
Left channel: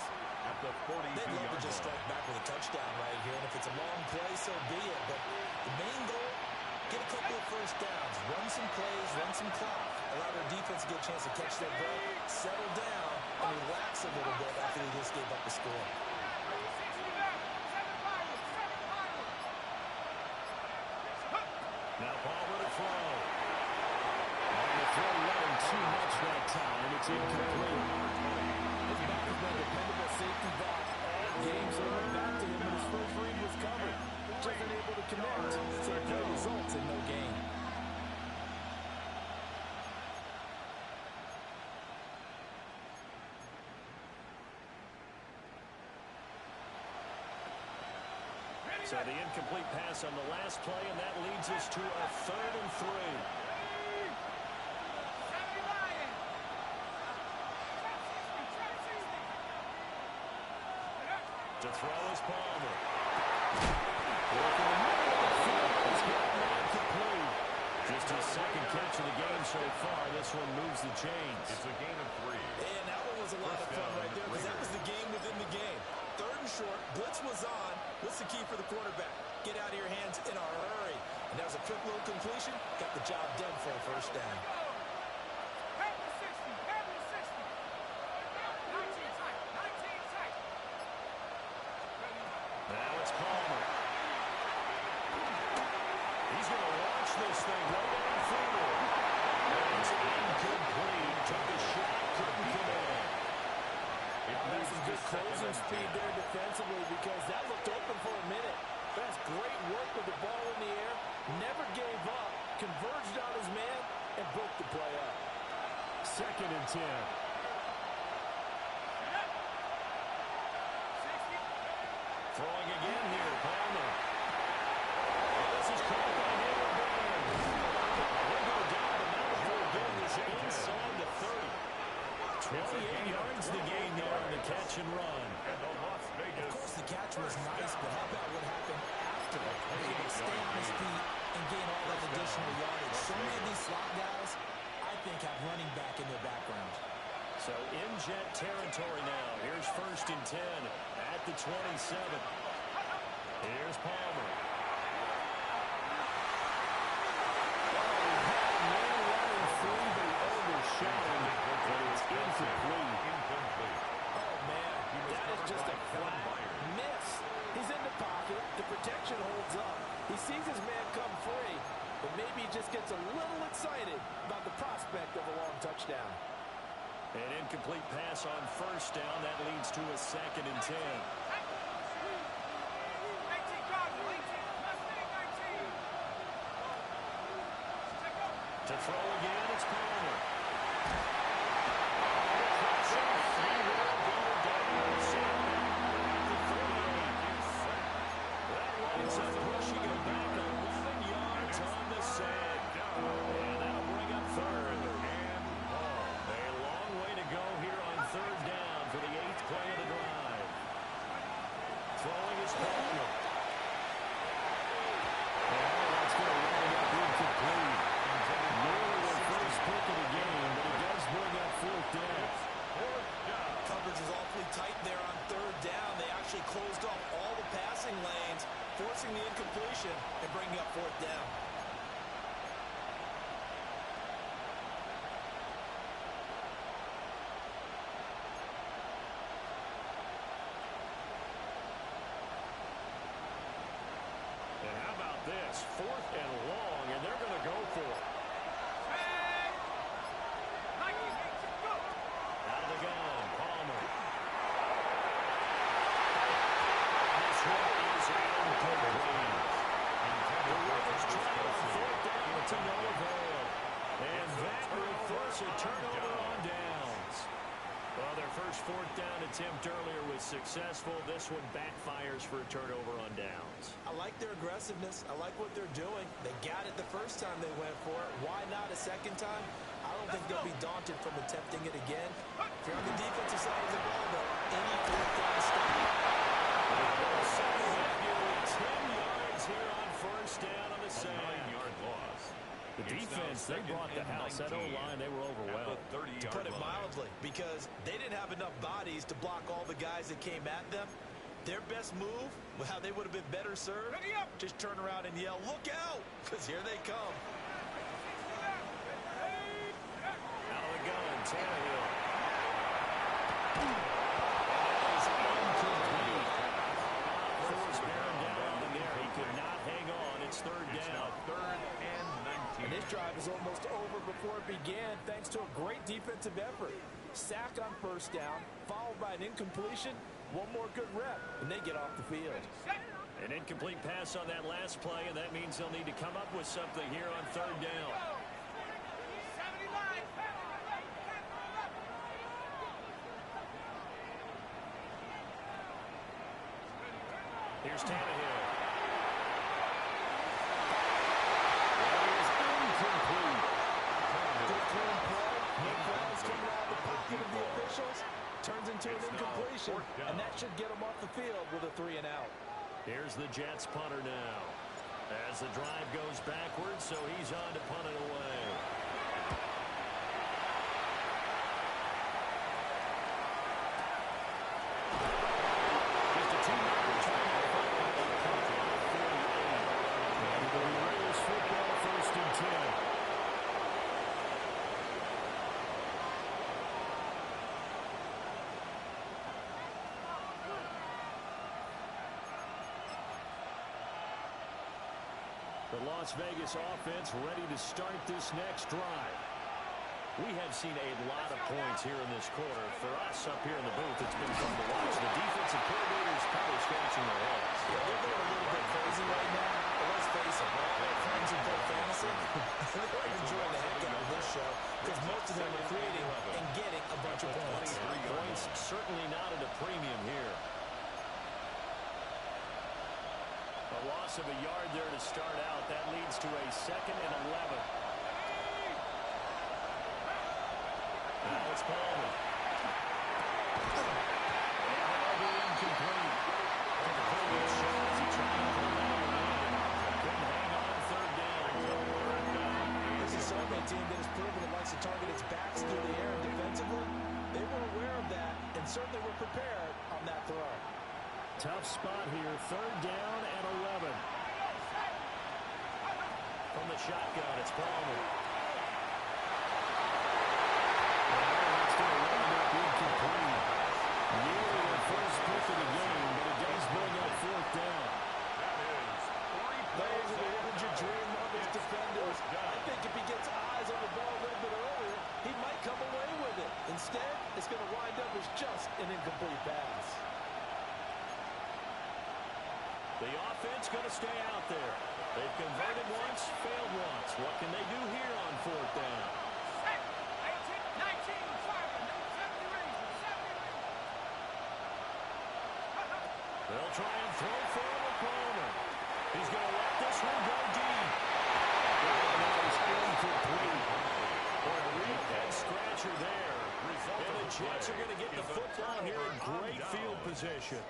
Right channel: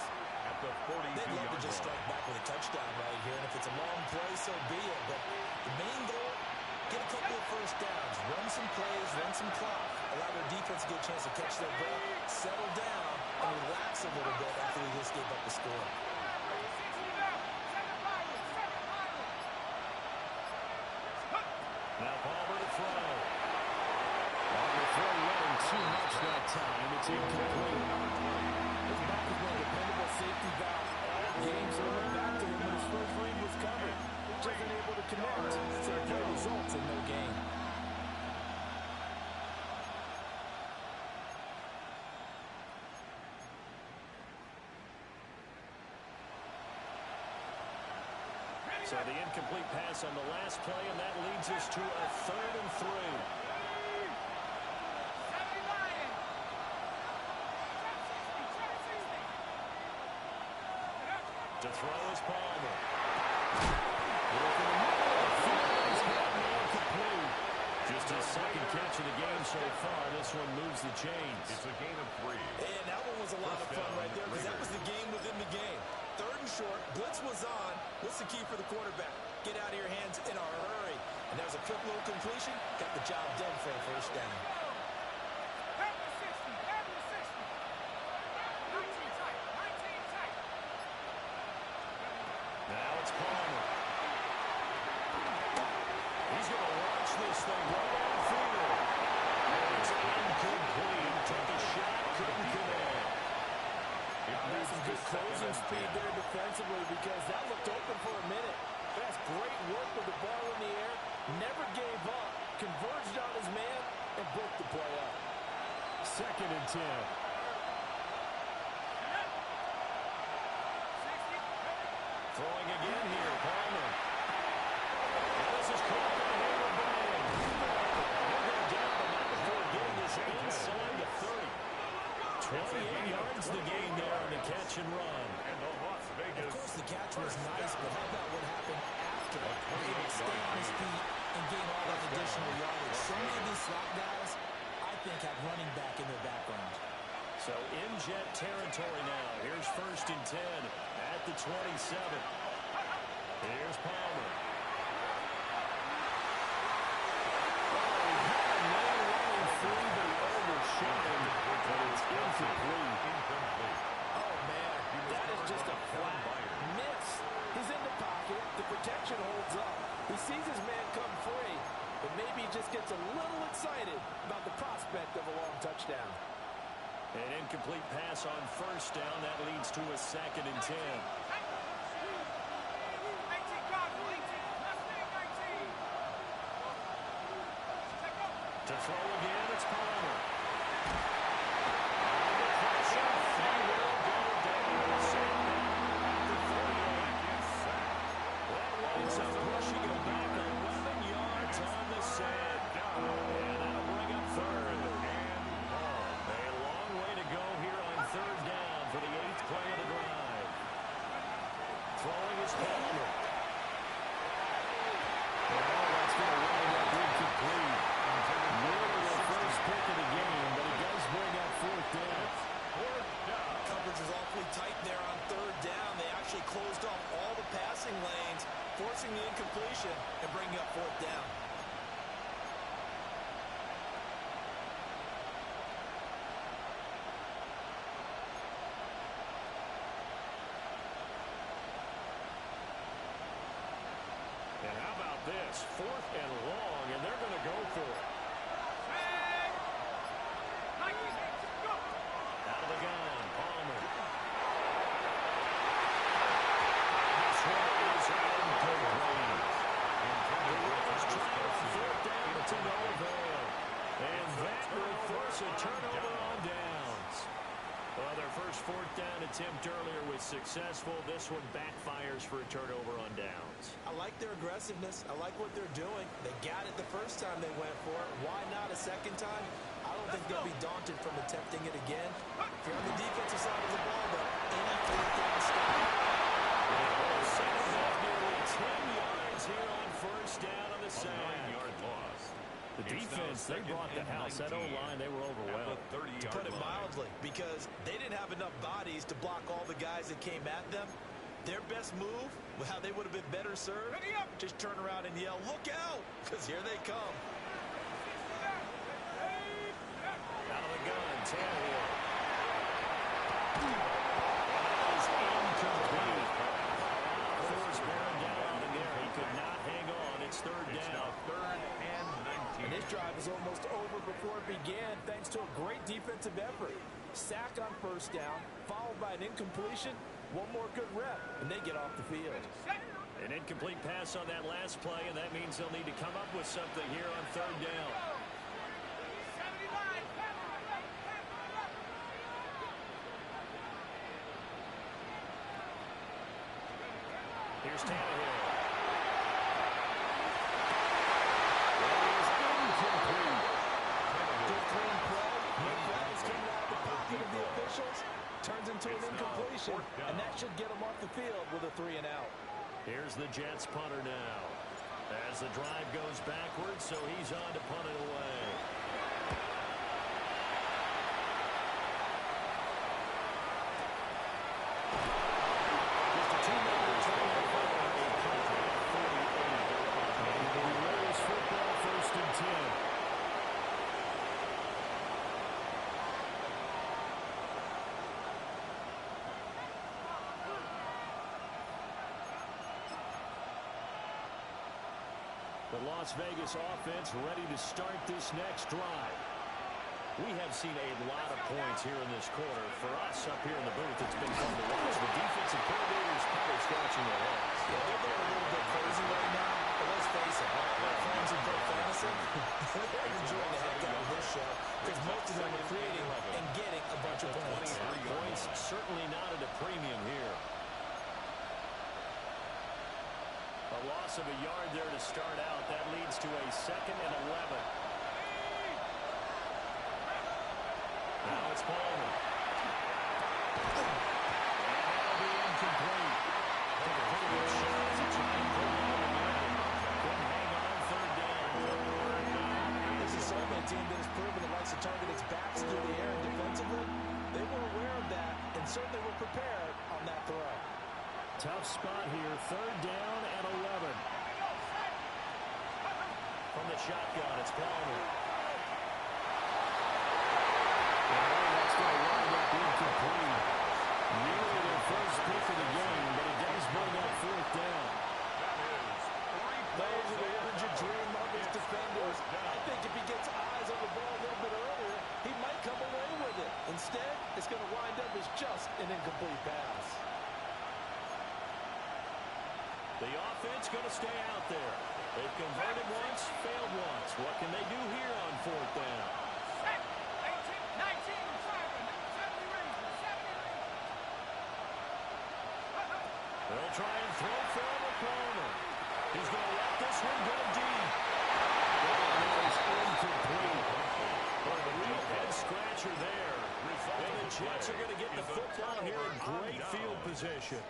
At the 42-yard line. They'd love to just strike back with a touchdown right here, and if it's a long play, so be it. But the main goal, get a couple of first downs, run some plays, run some clock, allow their defense to get a chance to catch their breath, settle down, and relax a little bit after they just gave up the score. Now Palmer to throw. On the throw, letting too much that time. It's incomplete. His back has been a dependable safety valve all games. They went back to him when his first read was covered. Wasn't able to connect. So the play results in no gain. So the incomplete pass on the last play, and that leads us to a 3rd and 3. To throw is Palmer. Look in the middle of the field. He's got man complete. Just his 2nd catch of the game so far. This one moves the chains. It's a gain of 3. And that one was a lot of fun right there because that was the game within the game. 3rd and short. Blitz was on. What's the key for the quarterback? Get out of your hands in a hurry. And that was a quick little completion. Got the job done for a 1st down. Now it's Palmer. He's going to launch this thing right downfield. It's incomplete. Took a shot, couldn't connect. That's some good closing speed there defensively because that looked open for a minute. But that's great work with the ball in the air. Never gave up. Converged on his man and broke the play up. 2nd and 10. Throwing again here, Palmer. And this is caught by Hayward Bang. He'll go down, but not before getting this inside the 30. 28 yards the gain there on the catch and run. And the Las Vegas. Of course, the catch was nice, but how about what happened after? He able to stay on his feet and gain all that additional yardage. So many of these slot guys, I think, have running back in their background. So in jet territory now. Here's 1st and 10 at the 27. Here's Palmer. Oh, he had a man running free, but he overshot him. But it's incomplete. Oh, man, that is just a flat miss. He's in the pocket. The protection holds up. He sees his man come free, but maybe he just gets a little excited about the prospect of a long touchdown. An incomplete pass on 1st down. That leads to a 2nd and 10. To throw again, it's Palmer. Under pressure, he will go down. Sandman at the 38. That winds up pushing him back 11 yards on the sand. And that'll bring up 3rd. A long way to go here on 3rd down for the 8th play of the drive. Throwing is Palmer. Well, that's going to wind up incomplete. Nearly their 1st pick of the game, but he does bring up 4th down. Coverage was awfully tight there on 3rd down. They actually closed off all the passing lanes, forcing the incompletion and bringing up 4th down. And how about this? 4th and long, and they're going to go for it. Out of the gun, Palmer. This one is incomplete. The Ravens try on 4th down, but to no avail. And that will force a turnover on downs. Well, their first 4th down attempt earlier was successful. This one backfires for a turnover on downs. I like their aggressiveness. I like what they're doing. They got it the first time they went for it. Why not a 2nd time? I don't think they'll be daunted from attempting it again. If you're on the defensive side of the ball, though, any 4th down stop. Setting up nearly 10 yards here on 1st down on the sack. A 9-yard loss. The defense, they brought the house. That O-line, they were overwhelmed. To put it mildly, because they didn't have enough bodies to block all the guys that came at them. Their best move, how they would have been better served, just turn around and yell, "Look out!" because here they come. Out of the gun, Tannehill. And that is incomplete. Force bearing down on him there. He could not hang on. It's 3rd down. It's now 3rd and 19. And this drive is almost over before it began thanks to a great defensive effort. Sack on 1st down, followed by an incompletion. One more good rep, and they get off the field. An incomplete pass on that last play, and that means they'll need to come up with something here on 3rd down. Here's Tannehill. whistles, turns into an incompletion, and that should get him off the field with a 3 and out. Here's the Jets punter now. As the drive goes backwards, so he's on to punt it away. Just a 2-yard return following a punt at 48. And it'll be Raiders football, 1st and 10. The Las Vegas offense ready to start this next drive. We have seen a lot of points here in this quarter. For us up here in the booth, it's been fun to watch. The defensive coordinators probably scratching their heads. Yeah, they're going a little bit crazy right now. But let's face it, all their friends who play fantasy, they're enjoying the heck out of this show because most of them are creating and getting a bunch of points. Points certainly not at a premium here. A loss of a yard there to start out. That leads to a 2nd and 11. Now it's Palmer. And that'll be incomplete. Took a pretty good shot as he tried to pull down the man. Couldn't hang on 3rd down. This is certainly a team that has proven it likes to target its backs through the air and defensively. They were aware of that and certainly were prepared on that throw. Tough spot here. 3rd down and 11. From the shotgun, it's Palmer. That's going to wind up incomplete. Nearly their first pick of the game, but it does bring up 4th down. Those are the ones you dream of as defenders. I think if he gets eyes on the ball a little bit earlier, he might come away with it. Instead, it's going to wind up as just an incomplete pass. The offense going to stay out there. They've converted once, failed once. What can they do here on 4th down? 18, 19, 70 raises, 70 raises. They'll try and throw for him with Palmer. He's going to let this one go deep. That is incomplete. Boy, a real head-scratcher there. And the Jets are going to get the football here in great field position.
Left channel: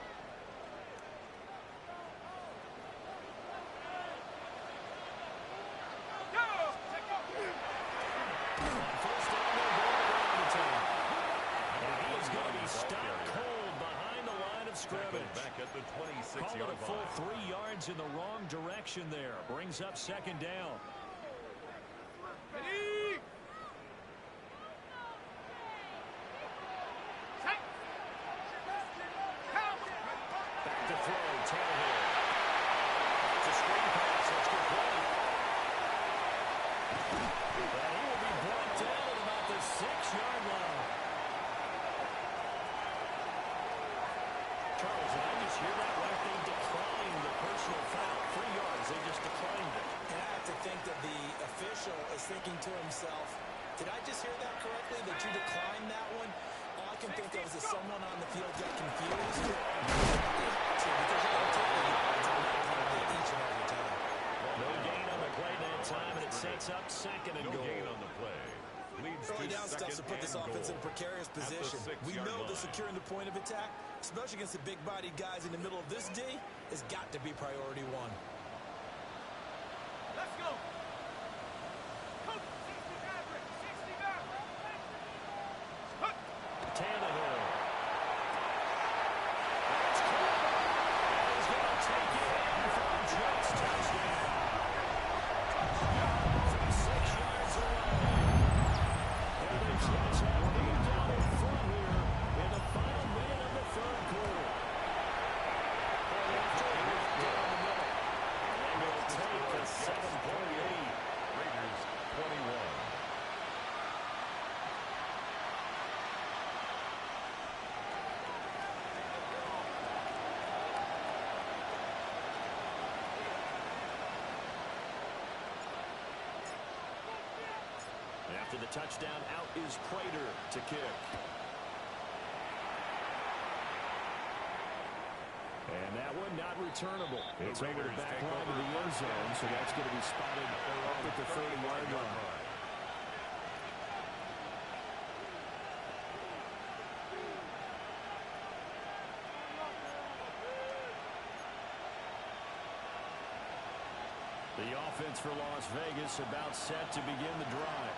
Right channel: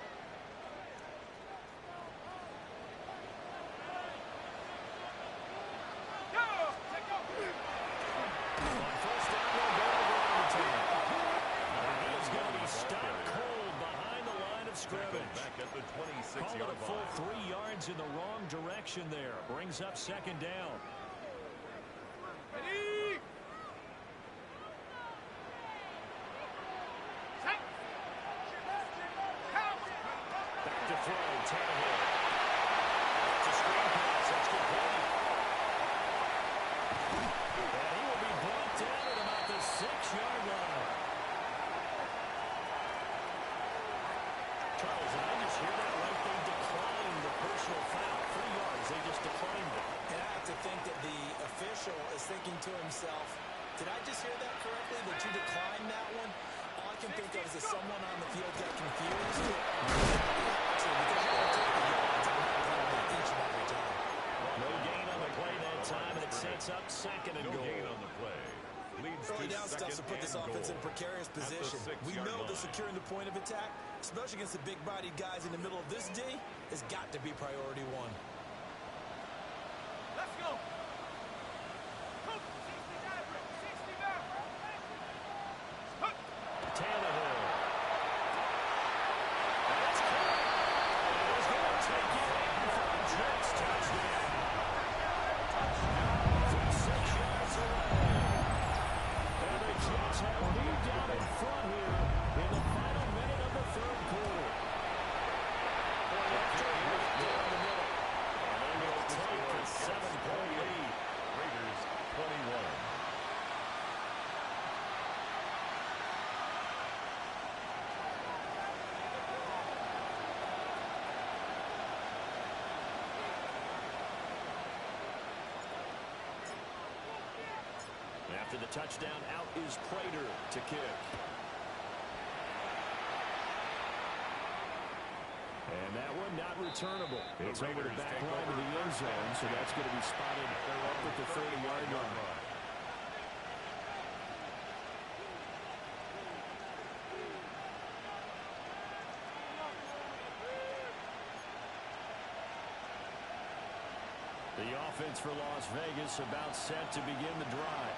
On 1st down, they'll go to the ground attack. And he is going to be stopped cold behind the line of scrimmage. Back at the 26-yard Call it a full line. 3 yards in the wrong direction there. Brings up 2nd down. Ready? Set. Back to throw, Tannehill. It's a screen pass, that's complete. And he will be brought down at about the 6-yard line. Charles, did I just hear that right? They declined the personal foul. 3 yards, they just declined it. And I have to think that the official is thinking to himself, did I just hear that correctly, that you declined that one? All I can think of is that someone on the field got confused. You have to, because you're going to take the yards on that penalty each and every time. No gain on the play that time, and it sets up 2nd and No goal. gain on the play. Leads Early to down stuff to put this offense in a precarious position. We know that securing the point of attack, especially against the big-bodied guys in the middle of this D, has got to be priority 1. Let's go. Coach, 60 average, 60 average. Tannehill. That's caught. And he's going to take it in for a Jets touchdown. From 6 yards away. And the Jets have moved down in front here in the final minute of the 3rd quarter. Point after, right down the middle. And they will take a 7-point lead. Raiders 21. After the touchdown, out is Prater to kick. And that one not returnable. It's over the back line of the end zone, so that's going to be spotted up at the 30-yard line. The offense for Las Vegas about set to begin the drive.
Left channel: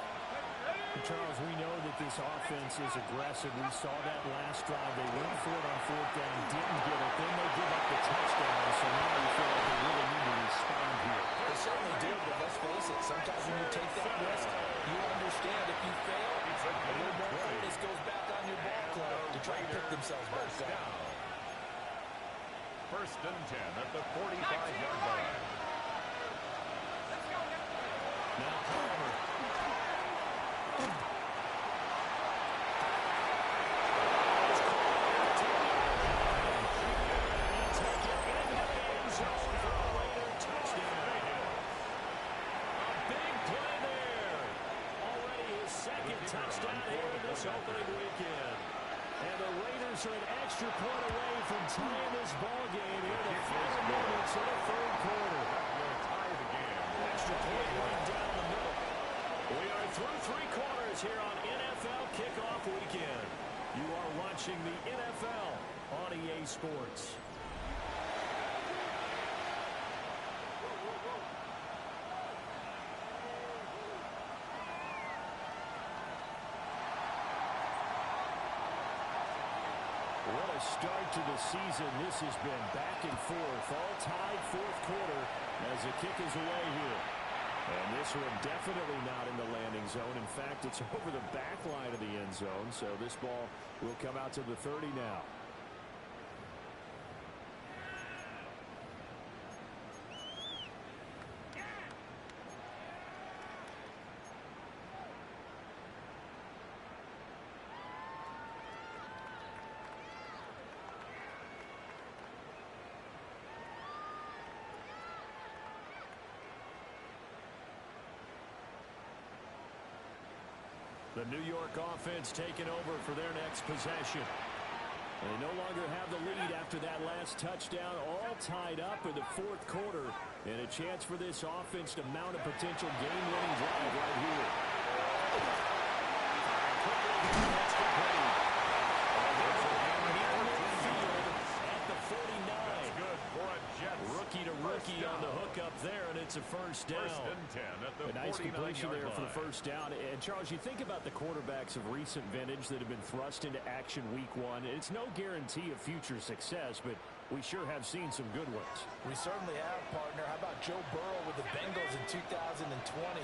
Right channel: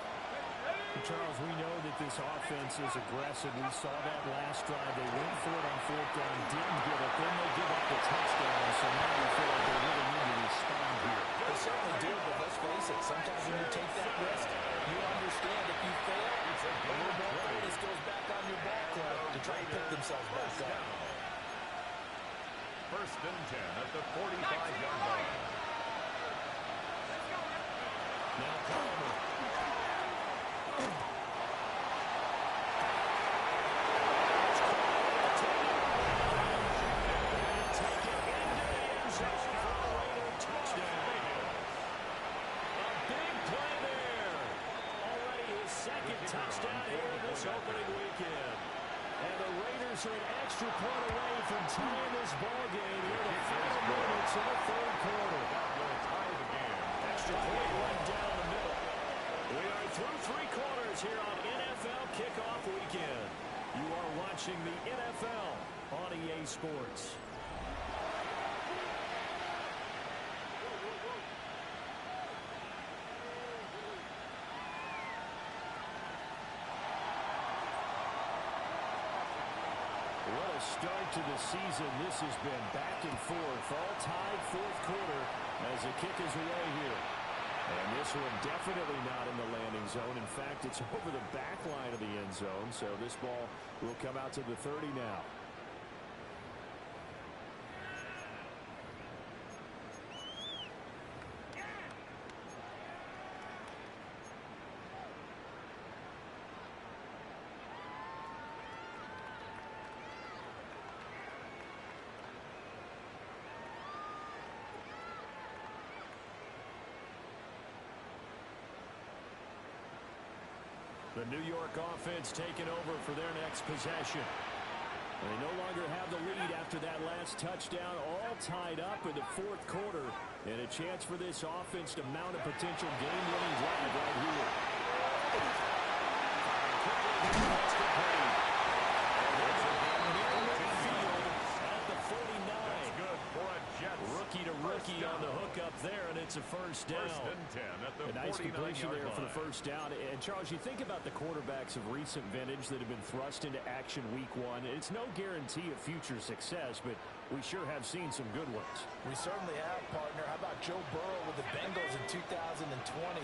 Charles, we know that this offense is aggressive. We saw that last drive. They went for it on fourth down, didn't get it. Then they give up the touchdown, so now you feel like they really need to respond here. They certainly do, but let's face it. Sometimes when you take that risk, you understand if you fail, a little more focus goes back on your ball club to try and pick themselves back up. First and 10 at the 45-yard line. Now Palmer. Touchdown here this opening weekend. And the Raiders are an extra point away from tying this ball game here in the final moments of the third quarter. That will tie the game. Extra point right down the middle. We are through three quarters here on NFL Kickoff Weekend. You are watching the NFL on EA Sports. What a start to the season. This has been back and forth, all tied fourth quarter as the kick is away here. And this one definitely not in the landing zone. In fact, it's over the back line of the end zone, so this ball will come out to the 30 now. The New York offense taking over for their next possession. They no longer have the lead after that last touchdown, all tied up in the fourth quarter, and a chance for this offense to mount a potential game-winning drive right here. Firing quickly here, that's complete. And that's a game near midfield at the 49. That's good for a Jets. Rookie to rookie on the hook up there, and it's a first down. First and 10 at the 49-yard line. A nice completion there for the first down. And, Charles, you think about the quarterbacks of recent vintage that have been thrust into action week one. It's no guarantee of future success, but we sure have seen some good ones. We certainly have, partner. How about Joe Burrow with the Bengals in 2020?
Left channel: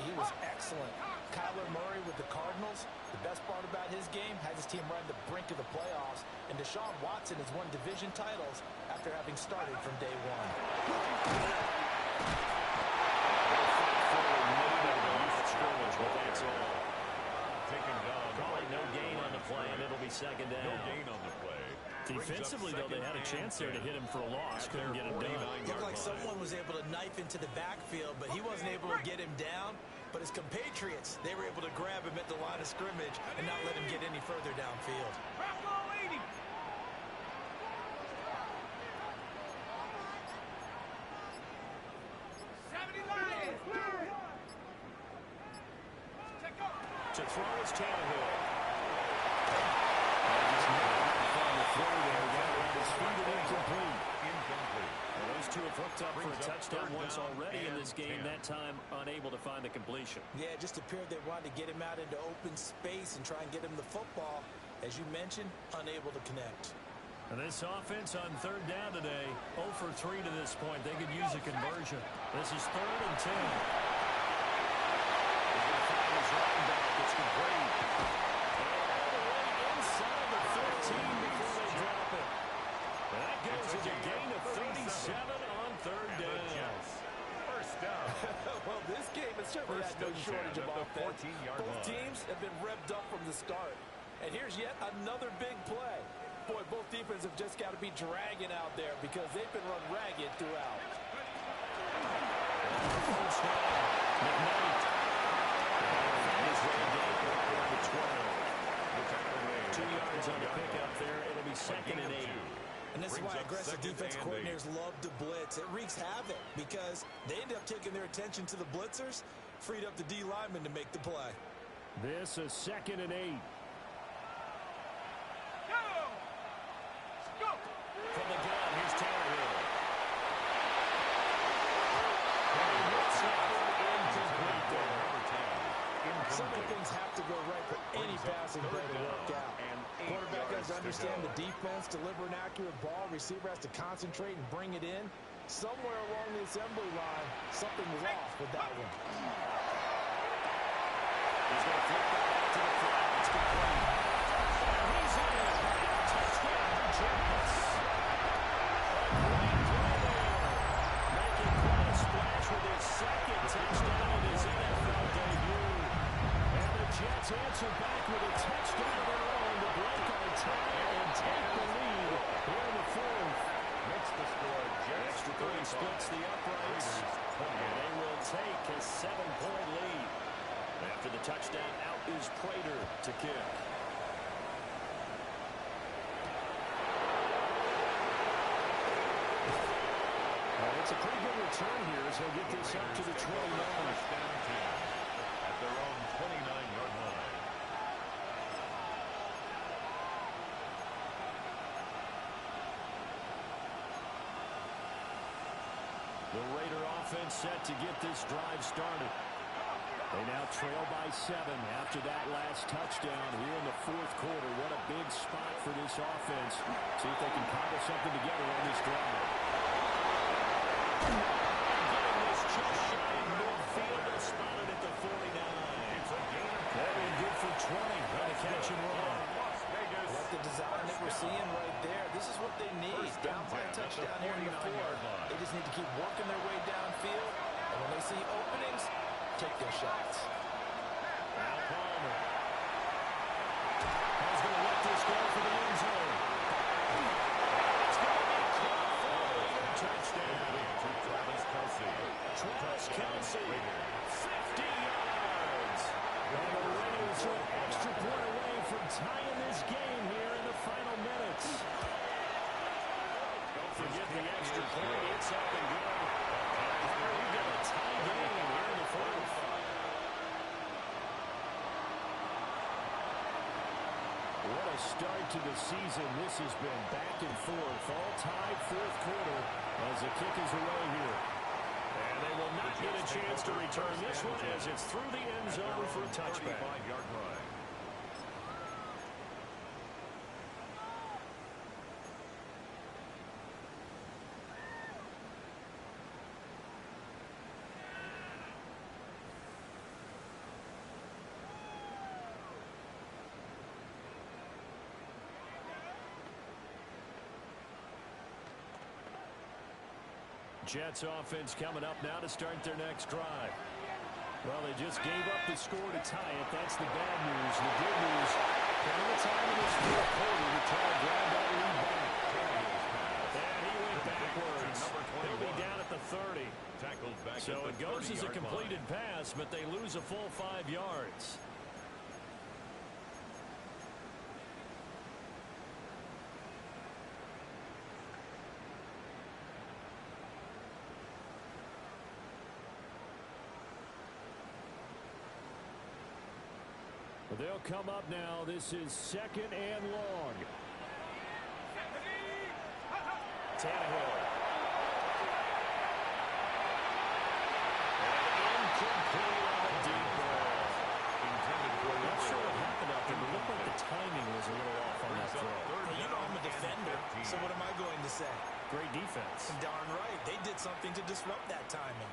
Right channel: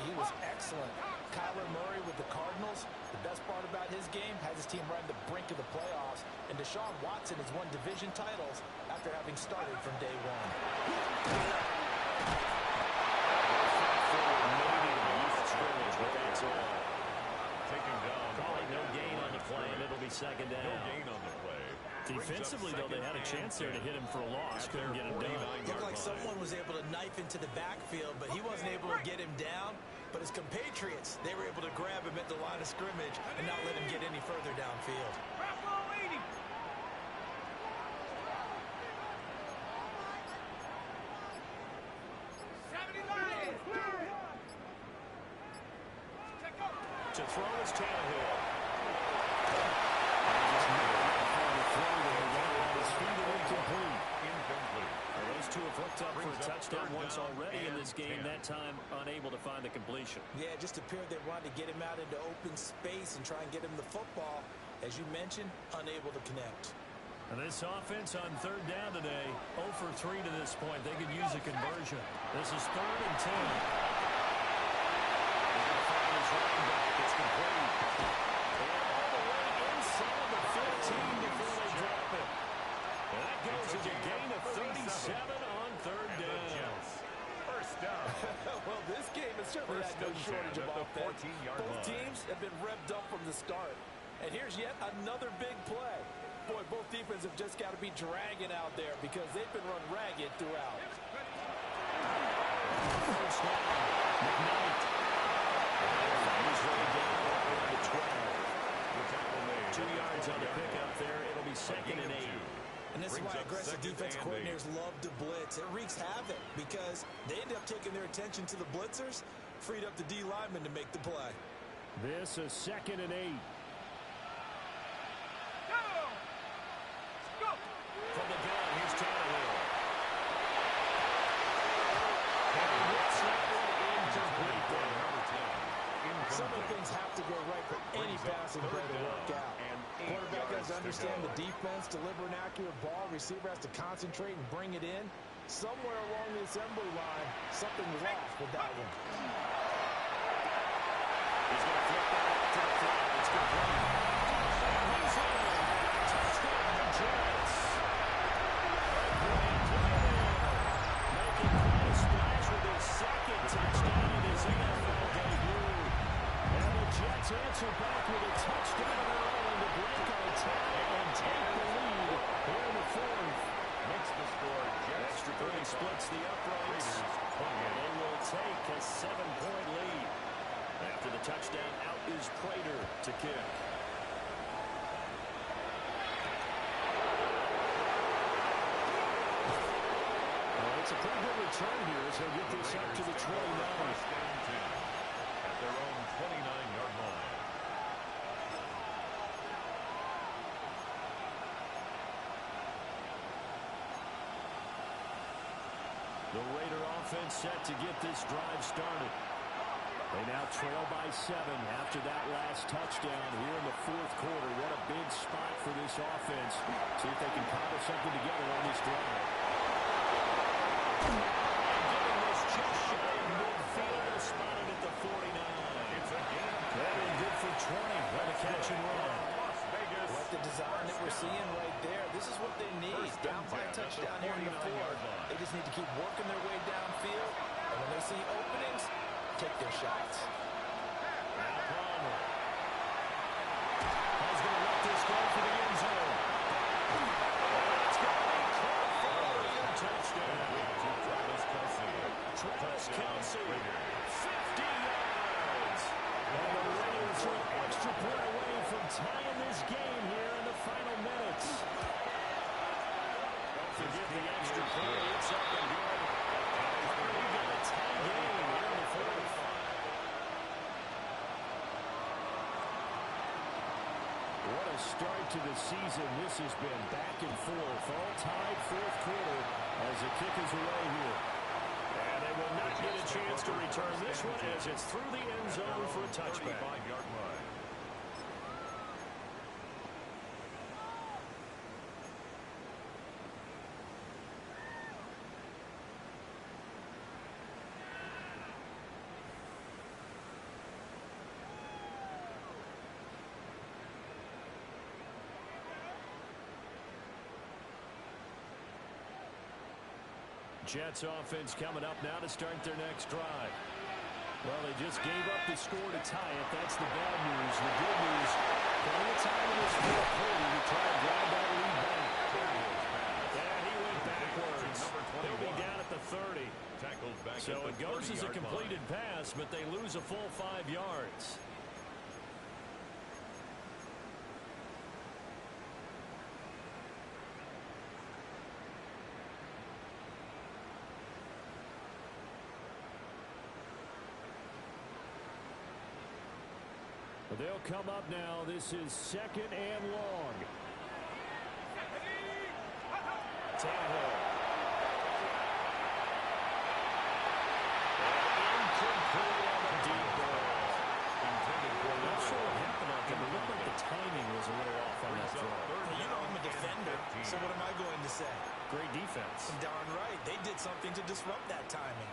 He was excellent. Kyler Murray with the Cardinals. The best part about his game has his team right on the brink of the playoffs. And Deshaun Watson has won division titles after having started from day one. Scrimmage, but that's all. Taking down. Calling no gain on the play, and it'll be second down. No gain on the play. Defensively, though, they had a chance there to hit him for a loss. Couldn't get it done. Looked like someone was able to knife into the backfield, but he wasn't able to get him down. But his compatriots, they were able to grab him at the line of scrimmage and not let him get any further downfield. To throw is Tannehill. And just not enough on the throw there. Got around his feet and incomplete. Well, those two have hooked up for a touchdown once already in this game. That time unable to find the completion. Yeah, it just appeared they wanted to get him out into open space and try and get him the football. As you mentioned, unable to connect. And this offense on third down today, 0 for 3 to this point. They could use a conversion. This is 3rd and 10. He's going to find his running back. It's complete. And all the way inside the 15 before they drop it. And that goes as a gain of 37 on third down. First down. Well, this game has certainly had no shortage of offense. Both teams have been revved up from the start. And here's yet another big play. Boy, both defenses have just got to be dragging out there because they've been run ragged throughout. First down. McKnight. Find his way down right around the 12. The tackle made. 2 yards on the pickup there. It'll be 2nd and 8. And this is why aggressive defense coordinators love to blitz. It wreaks havoc because they end up taking their attention to the blitzers, freed up the D lineman to make the play. This is 2nd and 8. Go! From the gun, here's Tannehill. And he hits that passing play to work out. Quarterback has to understand the defense, deliver an accurate ball. Receiver has to concentrate and bring it in. Somewhere along the assembly line, something was off with that one. He's going to flip that out to the flat. It's complete. And he's in. Touchdown, Jets. A great play there. Making quite a splash with his second touchdown in his NFL debut. And the Jets answer back with a touchdown of their own to break our tie and take the lead here in the fourth. Makes the score Jets Extra point splits the uprights. And they will take a 7-point lead. After the touchdown, out is Prater to kick. It's a pretty good return here as he'll get this up to the 29. First and 10 at their own 29-yard line. The Raider offense set to get this drive started. They now trail by 7 after that last touchdown here in the fourth quarter. What a big spot for this offense. See if they can cobble something together on this drive. And getting this just shy of midfield, they'll spot it at the 49. It's a gain of 10. They've been good for 20 on the catch and run. Las Vegas. Like the design that we're seeing right there. This is what they need. Down by a touchdown here in the fourth. They just need to keep working their way downfield. And when they see openings, take their shots. Now Palmer. Paul's going to let this go for the end zone. And it's going to be caught for a Raider touchdown. To Travis Kelce. Travis Kelce, Raiders. 50 yards. And the Raiders are an extra point away from tying this game here in the final minutes. Don't forget the extra point. It's up and good. And we've got a tie game here in the fourth. What a start to the season this has been. Back and forth, all tied fourth quarter as the kick is away here. And they will not get a chance to return this one as it's through the end zone for a touchback. 35-yard line. Jets offense coming up now to start their next drive. Well, they just gave up the score to tie it. That's the bad news. The good news, plenty of time in this fourth quarter to try to grab that lead back. And he went backwards. He'll be down at the 30. Tackled back So at it the goes as a 30-yard completed line. pass, but they lose a full 5 yards. They'll come up now. This is 2nd and long. Tannehill. And incomplete on the deep ball. Intended for Not number sure what 11. happened out there, but it looked like the timing was a little off on that Brings up throw. third Well, you know down I'm a and defender, 15. so what am I going to say? Great defense. Darn right. They did something to disrupt that timing.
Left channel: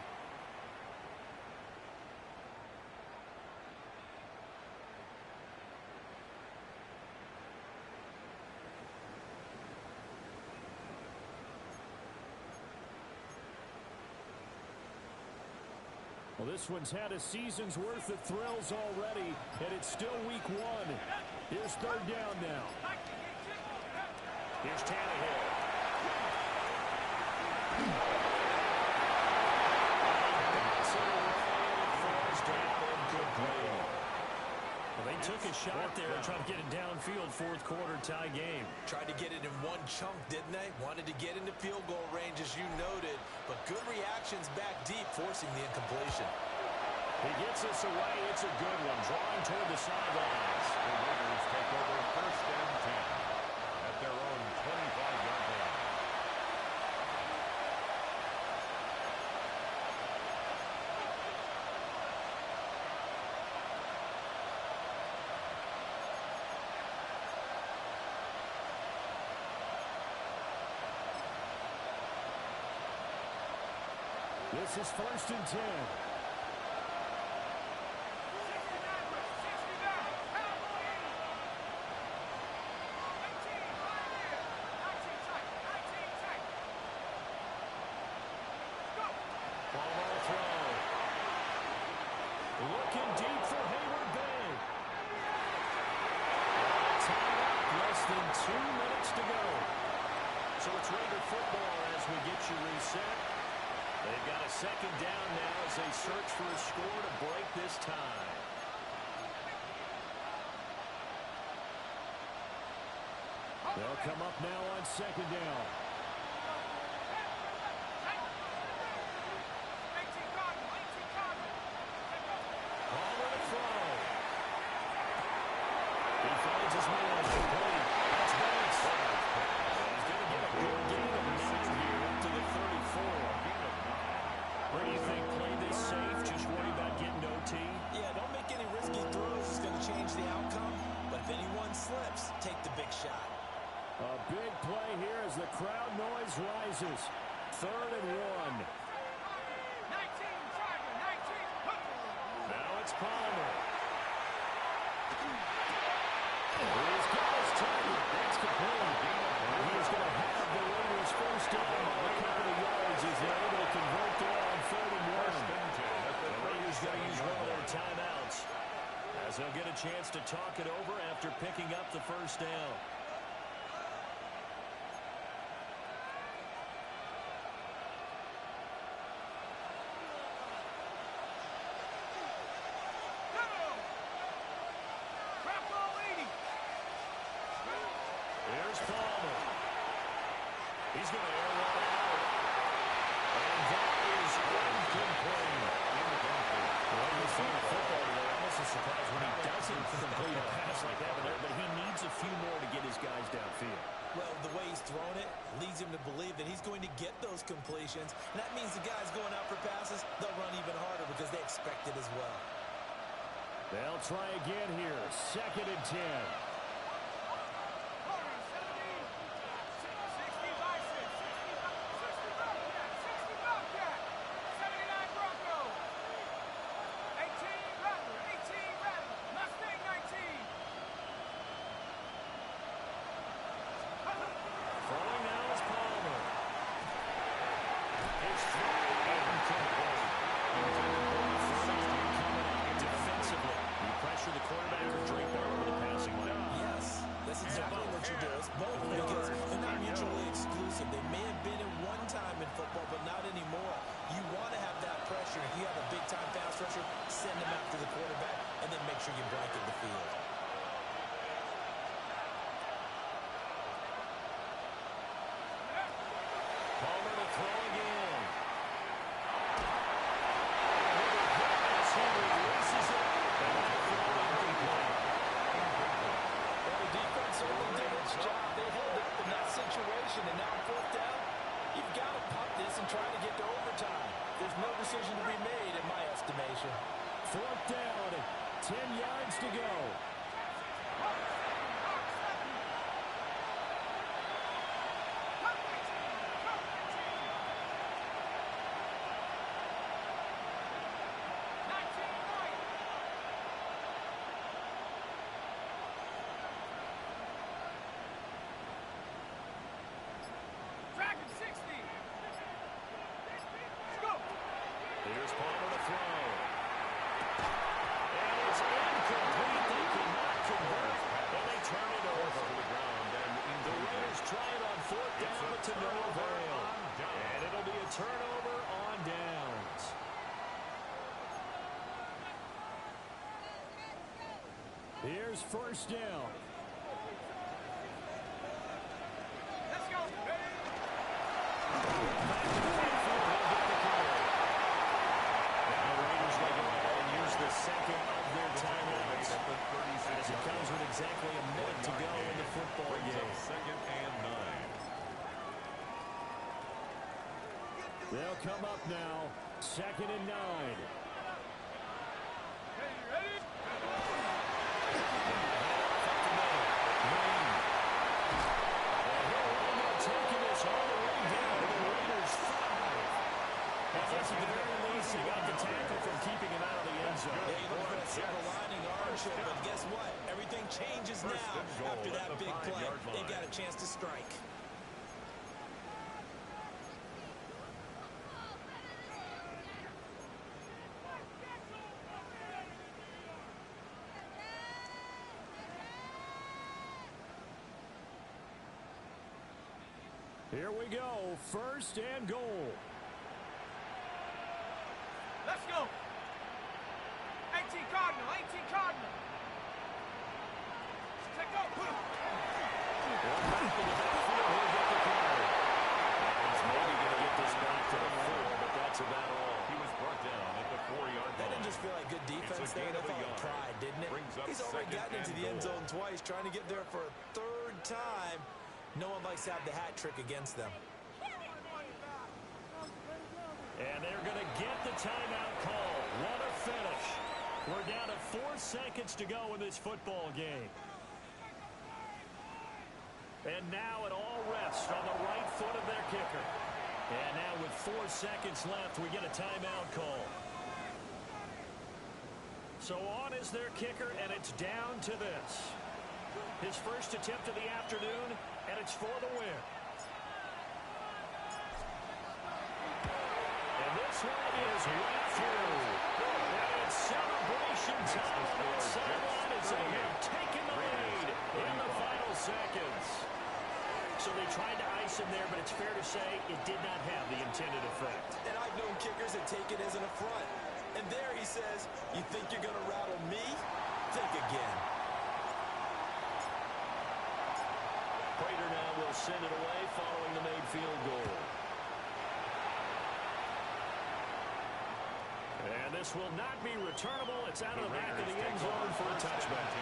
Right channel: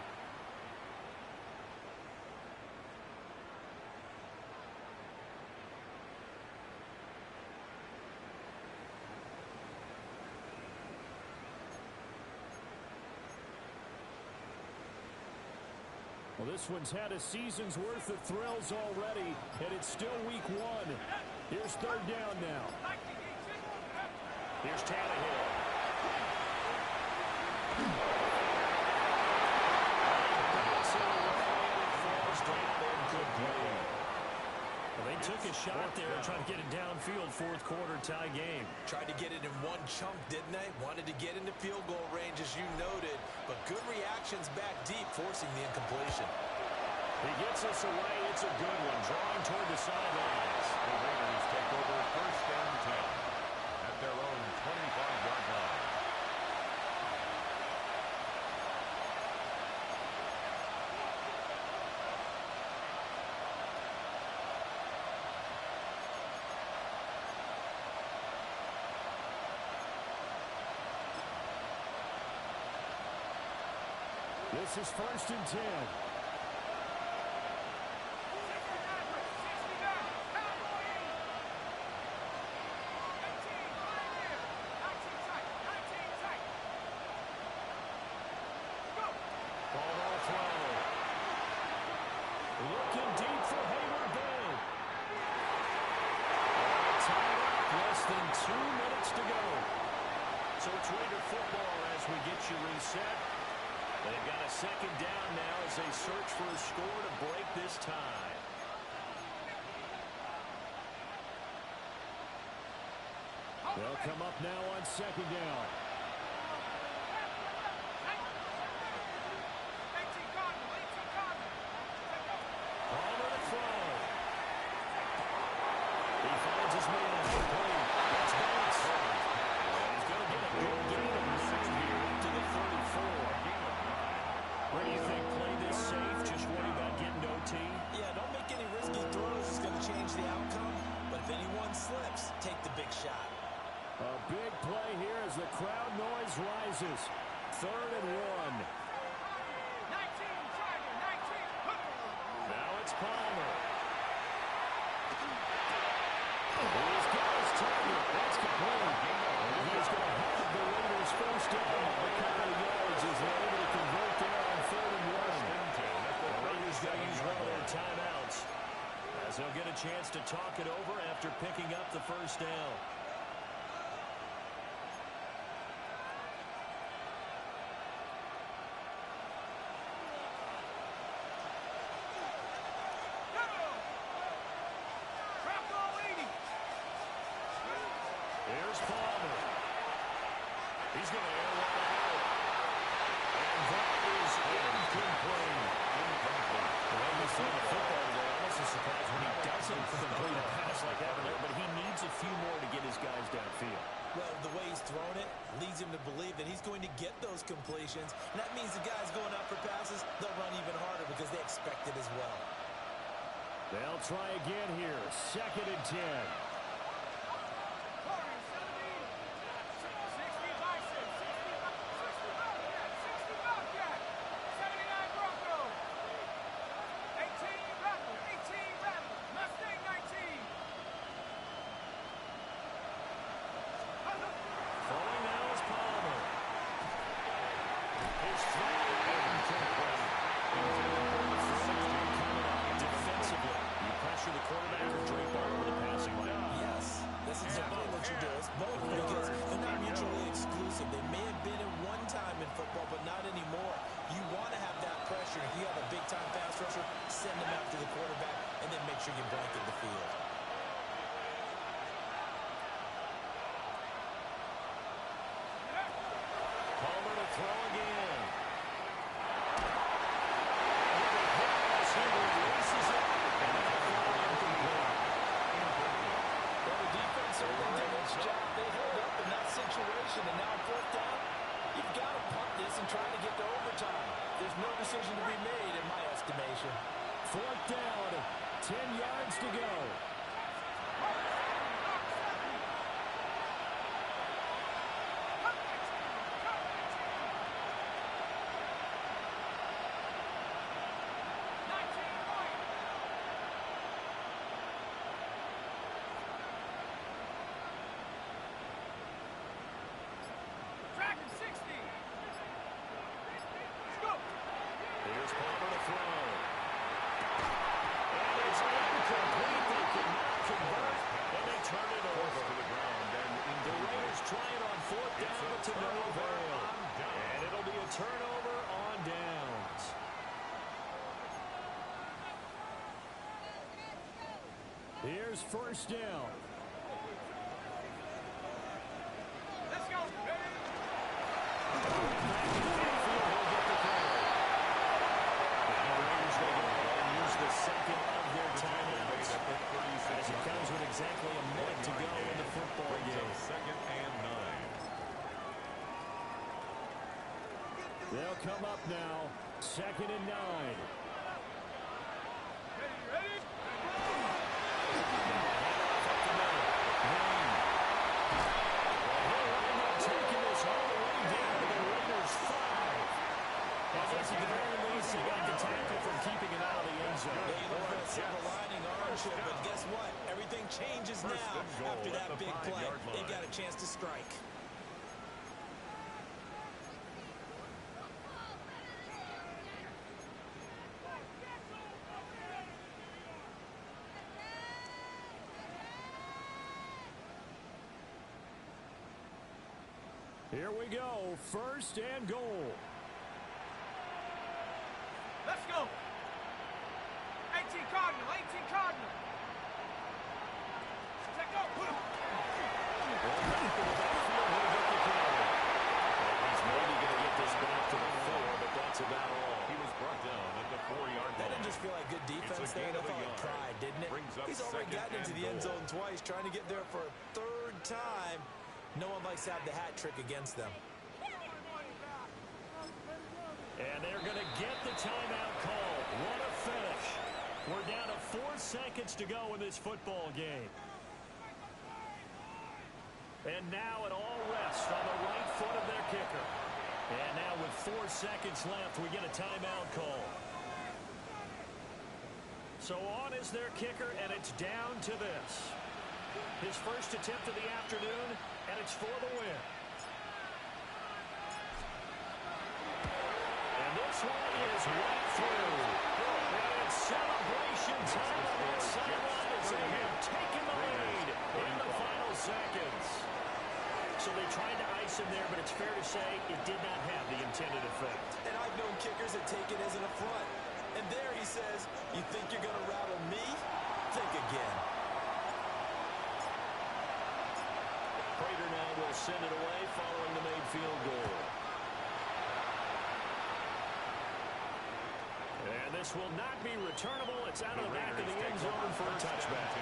Well, this one's had a season's worth of thrills already, and it's still week 1. Here's 3rd down now. Here's Tannehill. And he bats it away, and it falls down in good play. Well, they took a shot there and tried to get it downfield, fourth quarter tie game. Tried to get it in one chunk, didn't they? Wanted to get into field goal range, as you noted, but good reactions back deep, forcing the incompletion. He gets us away. It's a good one, drawing toward the sidelines. The Raiders take over 1st and 10 at their own 25-yard line. This is 1st and 10. 19 throw. Looking deep for Hayward Bay. Tied up, less than 2 minutes to go. So it's Raider football as we get you reset. They've got a 2nd down now as they search for a score to break this tie. They'll come up now on 2nd down. Palmer to throw. He finds his man. Complete. That's Bates. And he's going to get a good gain of 9 here up to the 34. What do you think? Play this safe? Just worry about getting OT? Yeah, don't make any risky throws. It's going to change the outcome. But if anyone slips, take the big shot. A big play here as the crowd noise rises. 3rd and 1. Now it's Palmer. He's got his target. That's complete. And he's going to have the Raiders first down by a couple of yards as they're able to convert there on 3rd and 1. The Raiders going to use one of their timeouts as they'll get a chance to talk it over after picking up the first down. Here's Palmer. He's going to air one out. And that is incomplete. The way he's throwing football today, almost a surprise when he doesn't complete a pass like that there, but he needs a few more to get his guys downfield. Well, the way he's thrown it leads him to believe that he's going to get those completions. And that means the guys going out for passes, they'll run even harder because they expect it as well. They'll try again here. 2nd and 10. Throwing now is Palmer. His throw incomplete. Intended for the 16 coming out defensively. You pressure the quarterback or drape all over the passing lane. Yes, that's exactly what you do. It's both because they're not mutually exclusive. They may have been at one time in football, but not anymore. You want to have that pressure. If you have a big-time pass rusher, send him after the quarterback, and then make sure you blanket the field. Palmer to throw again. And with a pass, he releases it. And that throw incomplete. Well, the defense certainly did its job. They held up in that situation, and now 4th down, you've got to punt this and try to get to overtime. There's no decision to be made, in my estimation. 4th down. 10 yards to go. Here's Palmer to throw. And it's incomplete. They cannot convert, and they turn it over. To the ground and The Raiders try it on 4th down, but to no avail. And it'll be a turnover on downs. Here's 1st down. Let's go. Back to the backfield, he'll get the carry. Now the Raiders may go ahead and use the 2nd of their timeouts. As it comes with exactly a minute to go in the football game. 2nd and 9. They'll come up now. 2nd and 9. Ready? Now a handoff up the middle. Green. Well, he'll wind up taking this all the way down to the Raiders' 5. And yes, he can after that big play, they've got a chance to strike. Here we go. First and goal. Let's go. 18 Cardinal, 18 Cardinal. Take go. One back in the backfield, he'll get the carry. And he's maybe going to get this back to the 4, but that's about all. He was brought down at the 4-yard line. That didn't just feel like good defense there. That felt like pride, didn't it? He's already gotten into the end zone twice, trying to get there for a third time. No one likes to have the hat trick against them. And they're going to get the timeout call. What a finish. We're down to 4 seconds to go in this football game. And now it all rests on the right foot of their kicker. And now with 4 seconds left, we get a timeout call. So on is their kicker, and it's down to this. His first attempt of the afternoon, and it's for the win. And this one is right through. And it's celebration time on that sideline as they have taken the lead in the final seconds. So they tried to ice him there, but it's fair to say it did not have the intended effect. And I've known kickers that take it as an affront. And there he says, you think you're going to rattle me? Think again. Prater now will send it away following the made field goal. And this will not be returnable. It's out of the back of the end zone for a touchback.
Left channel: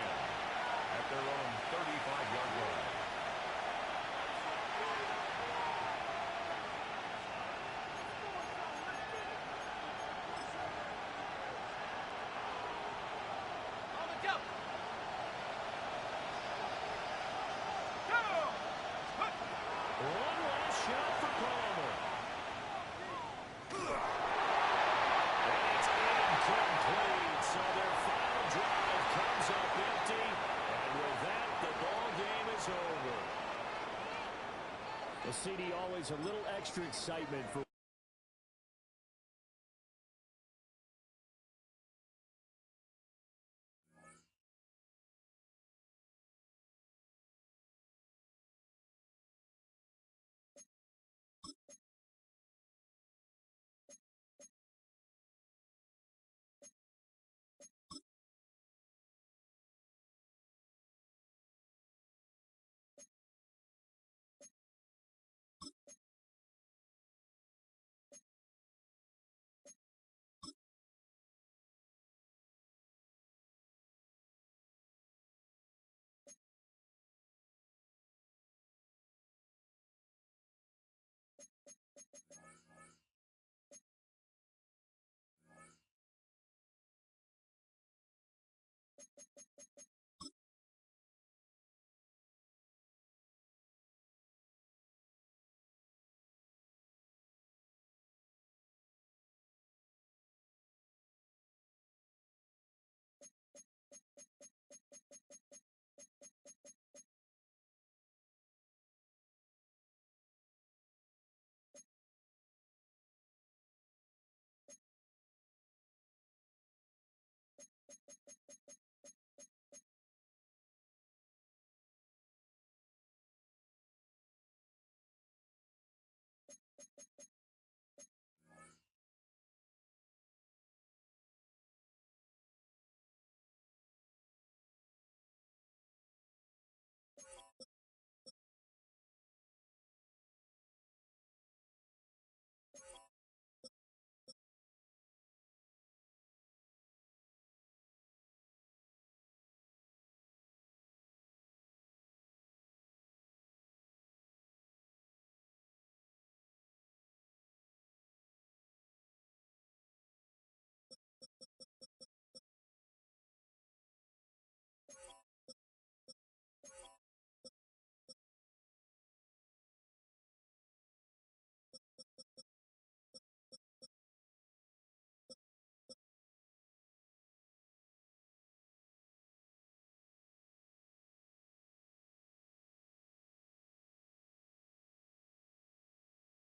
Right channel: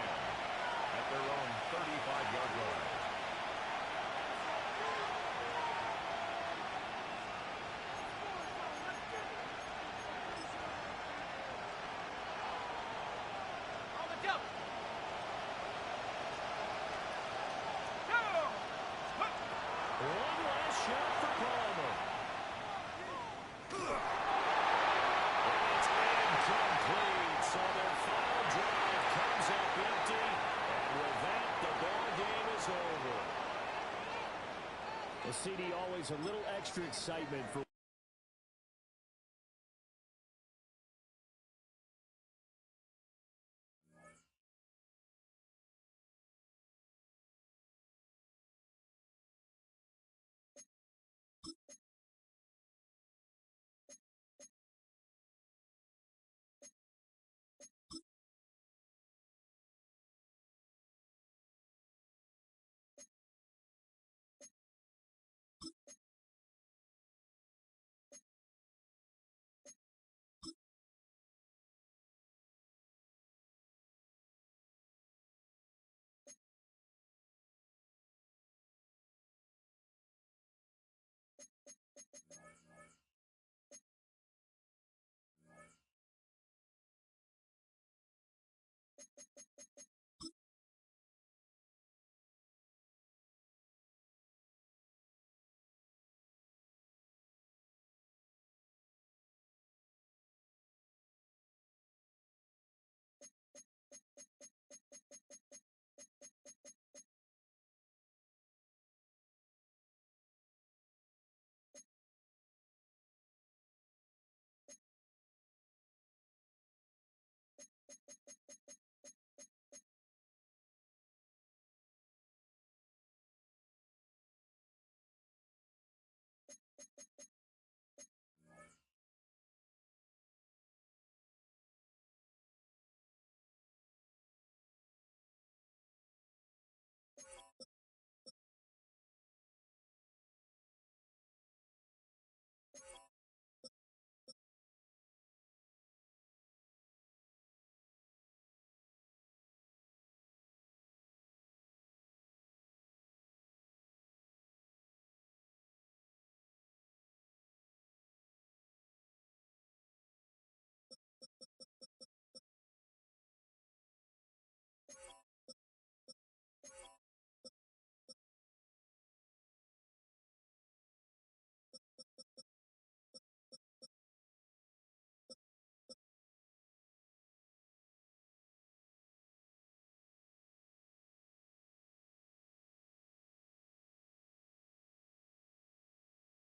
At their own 35-yard line. On the jump. One last shot for Palmer. And it's incomplete. So their final drive comes up empty. And with that, the ball game is over. Well, CD, always a little extra excitement for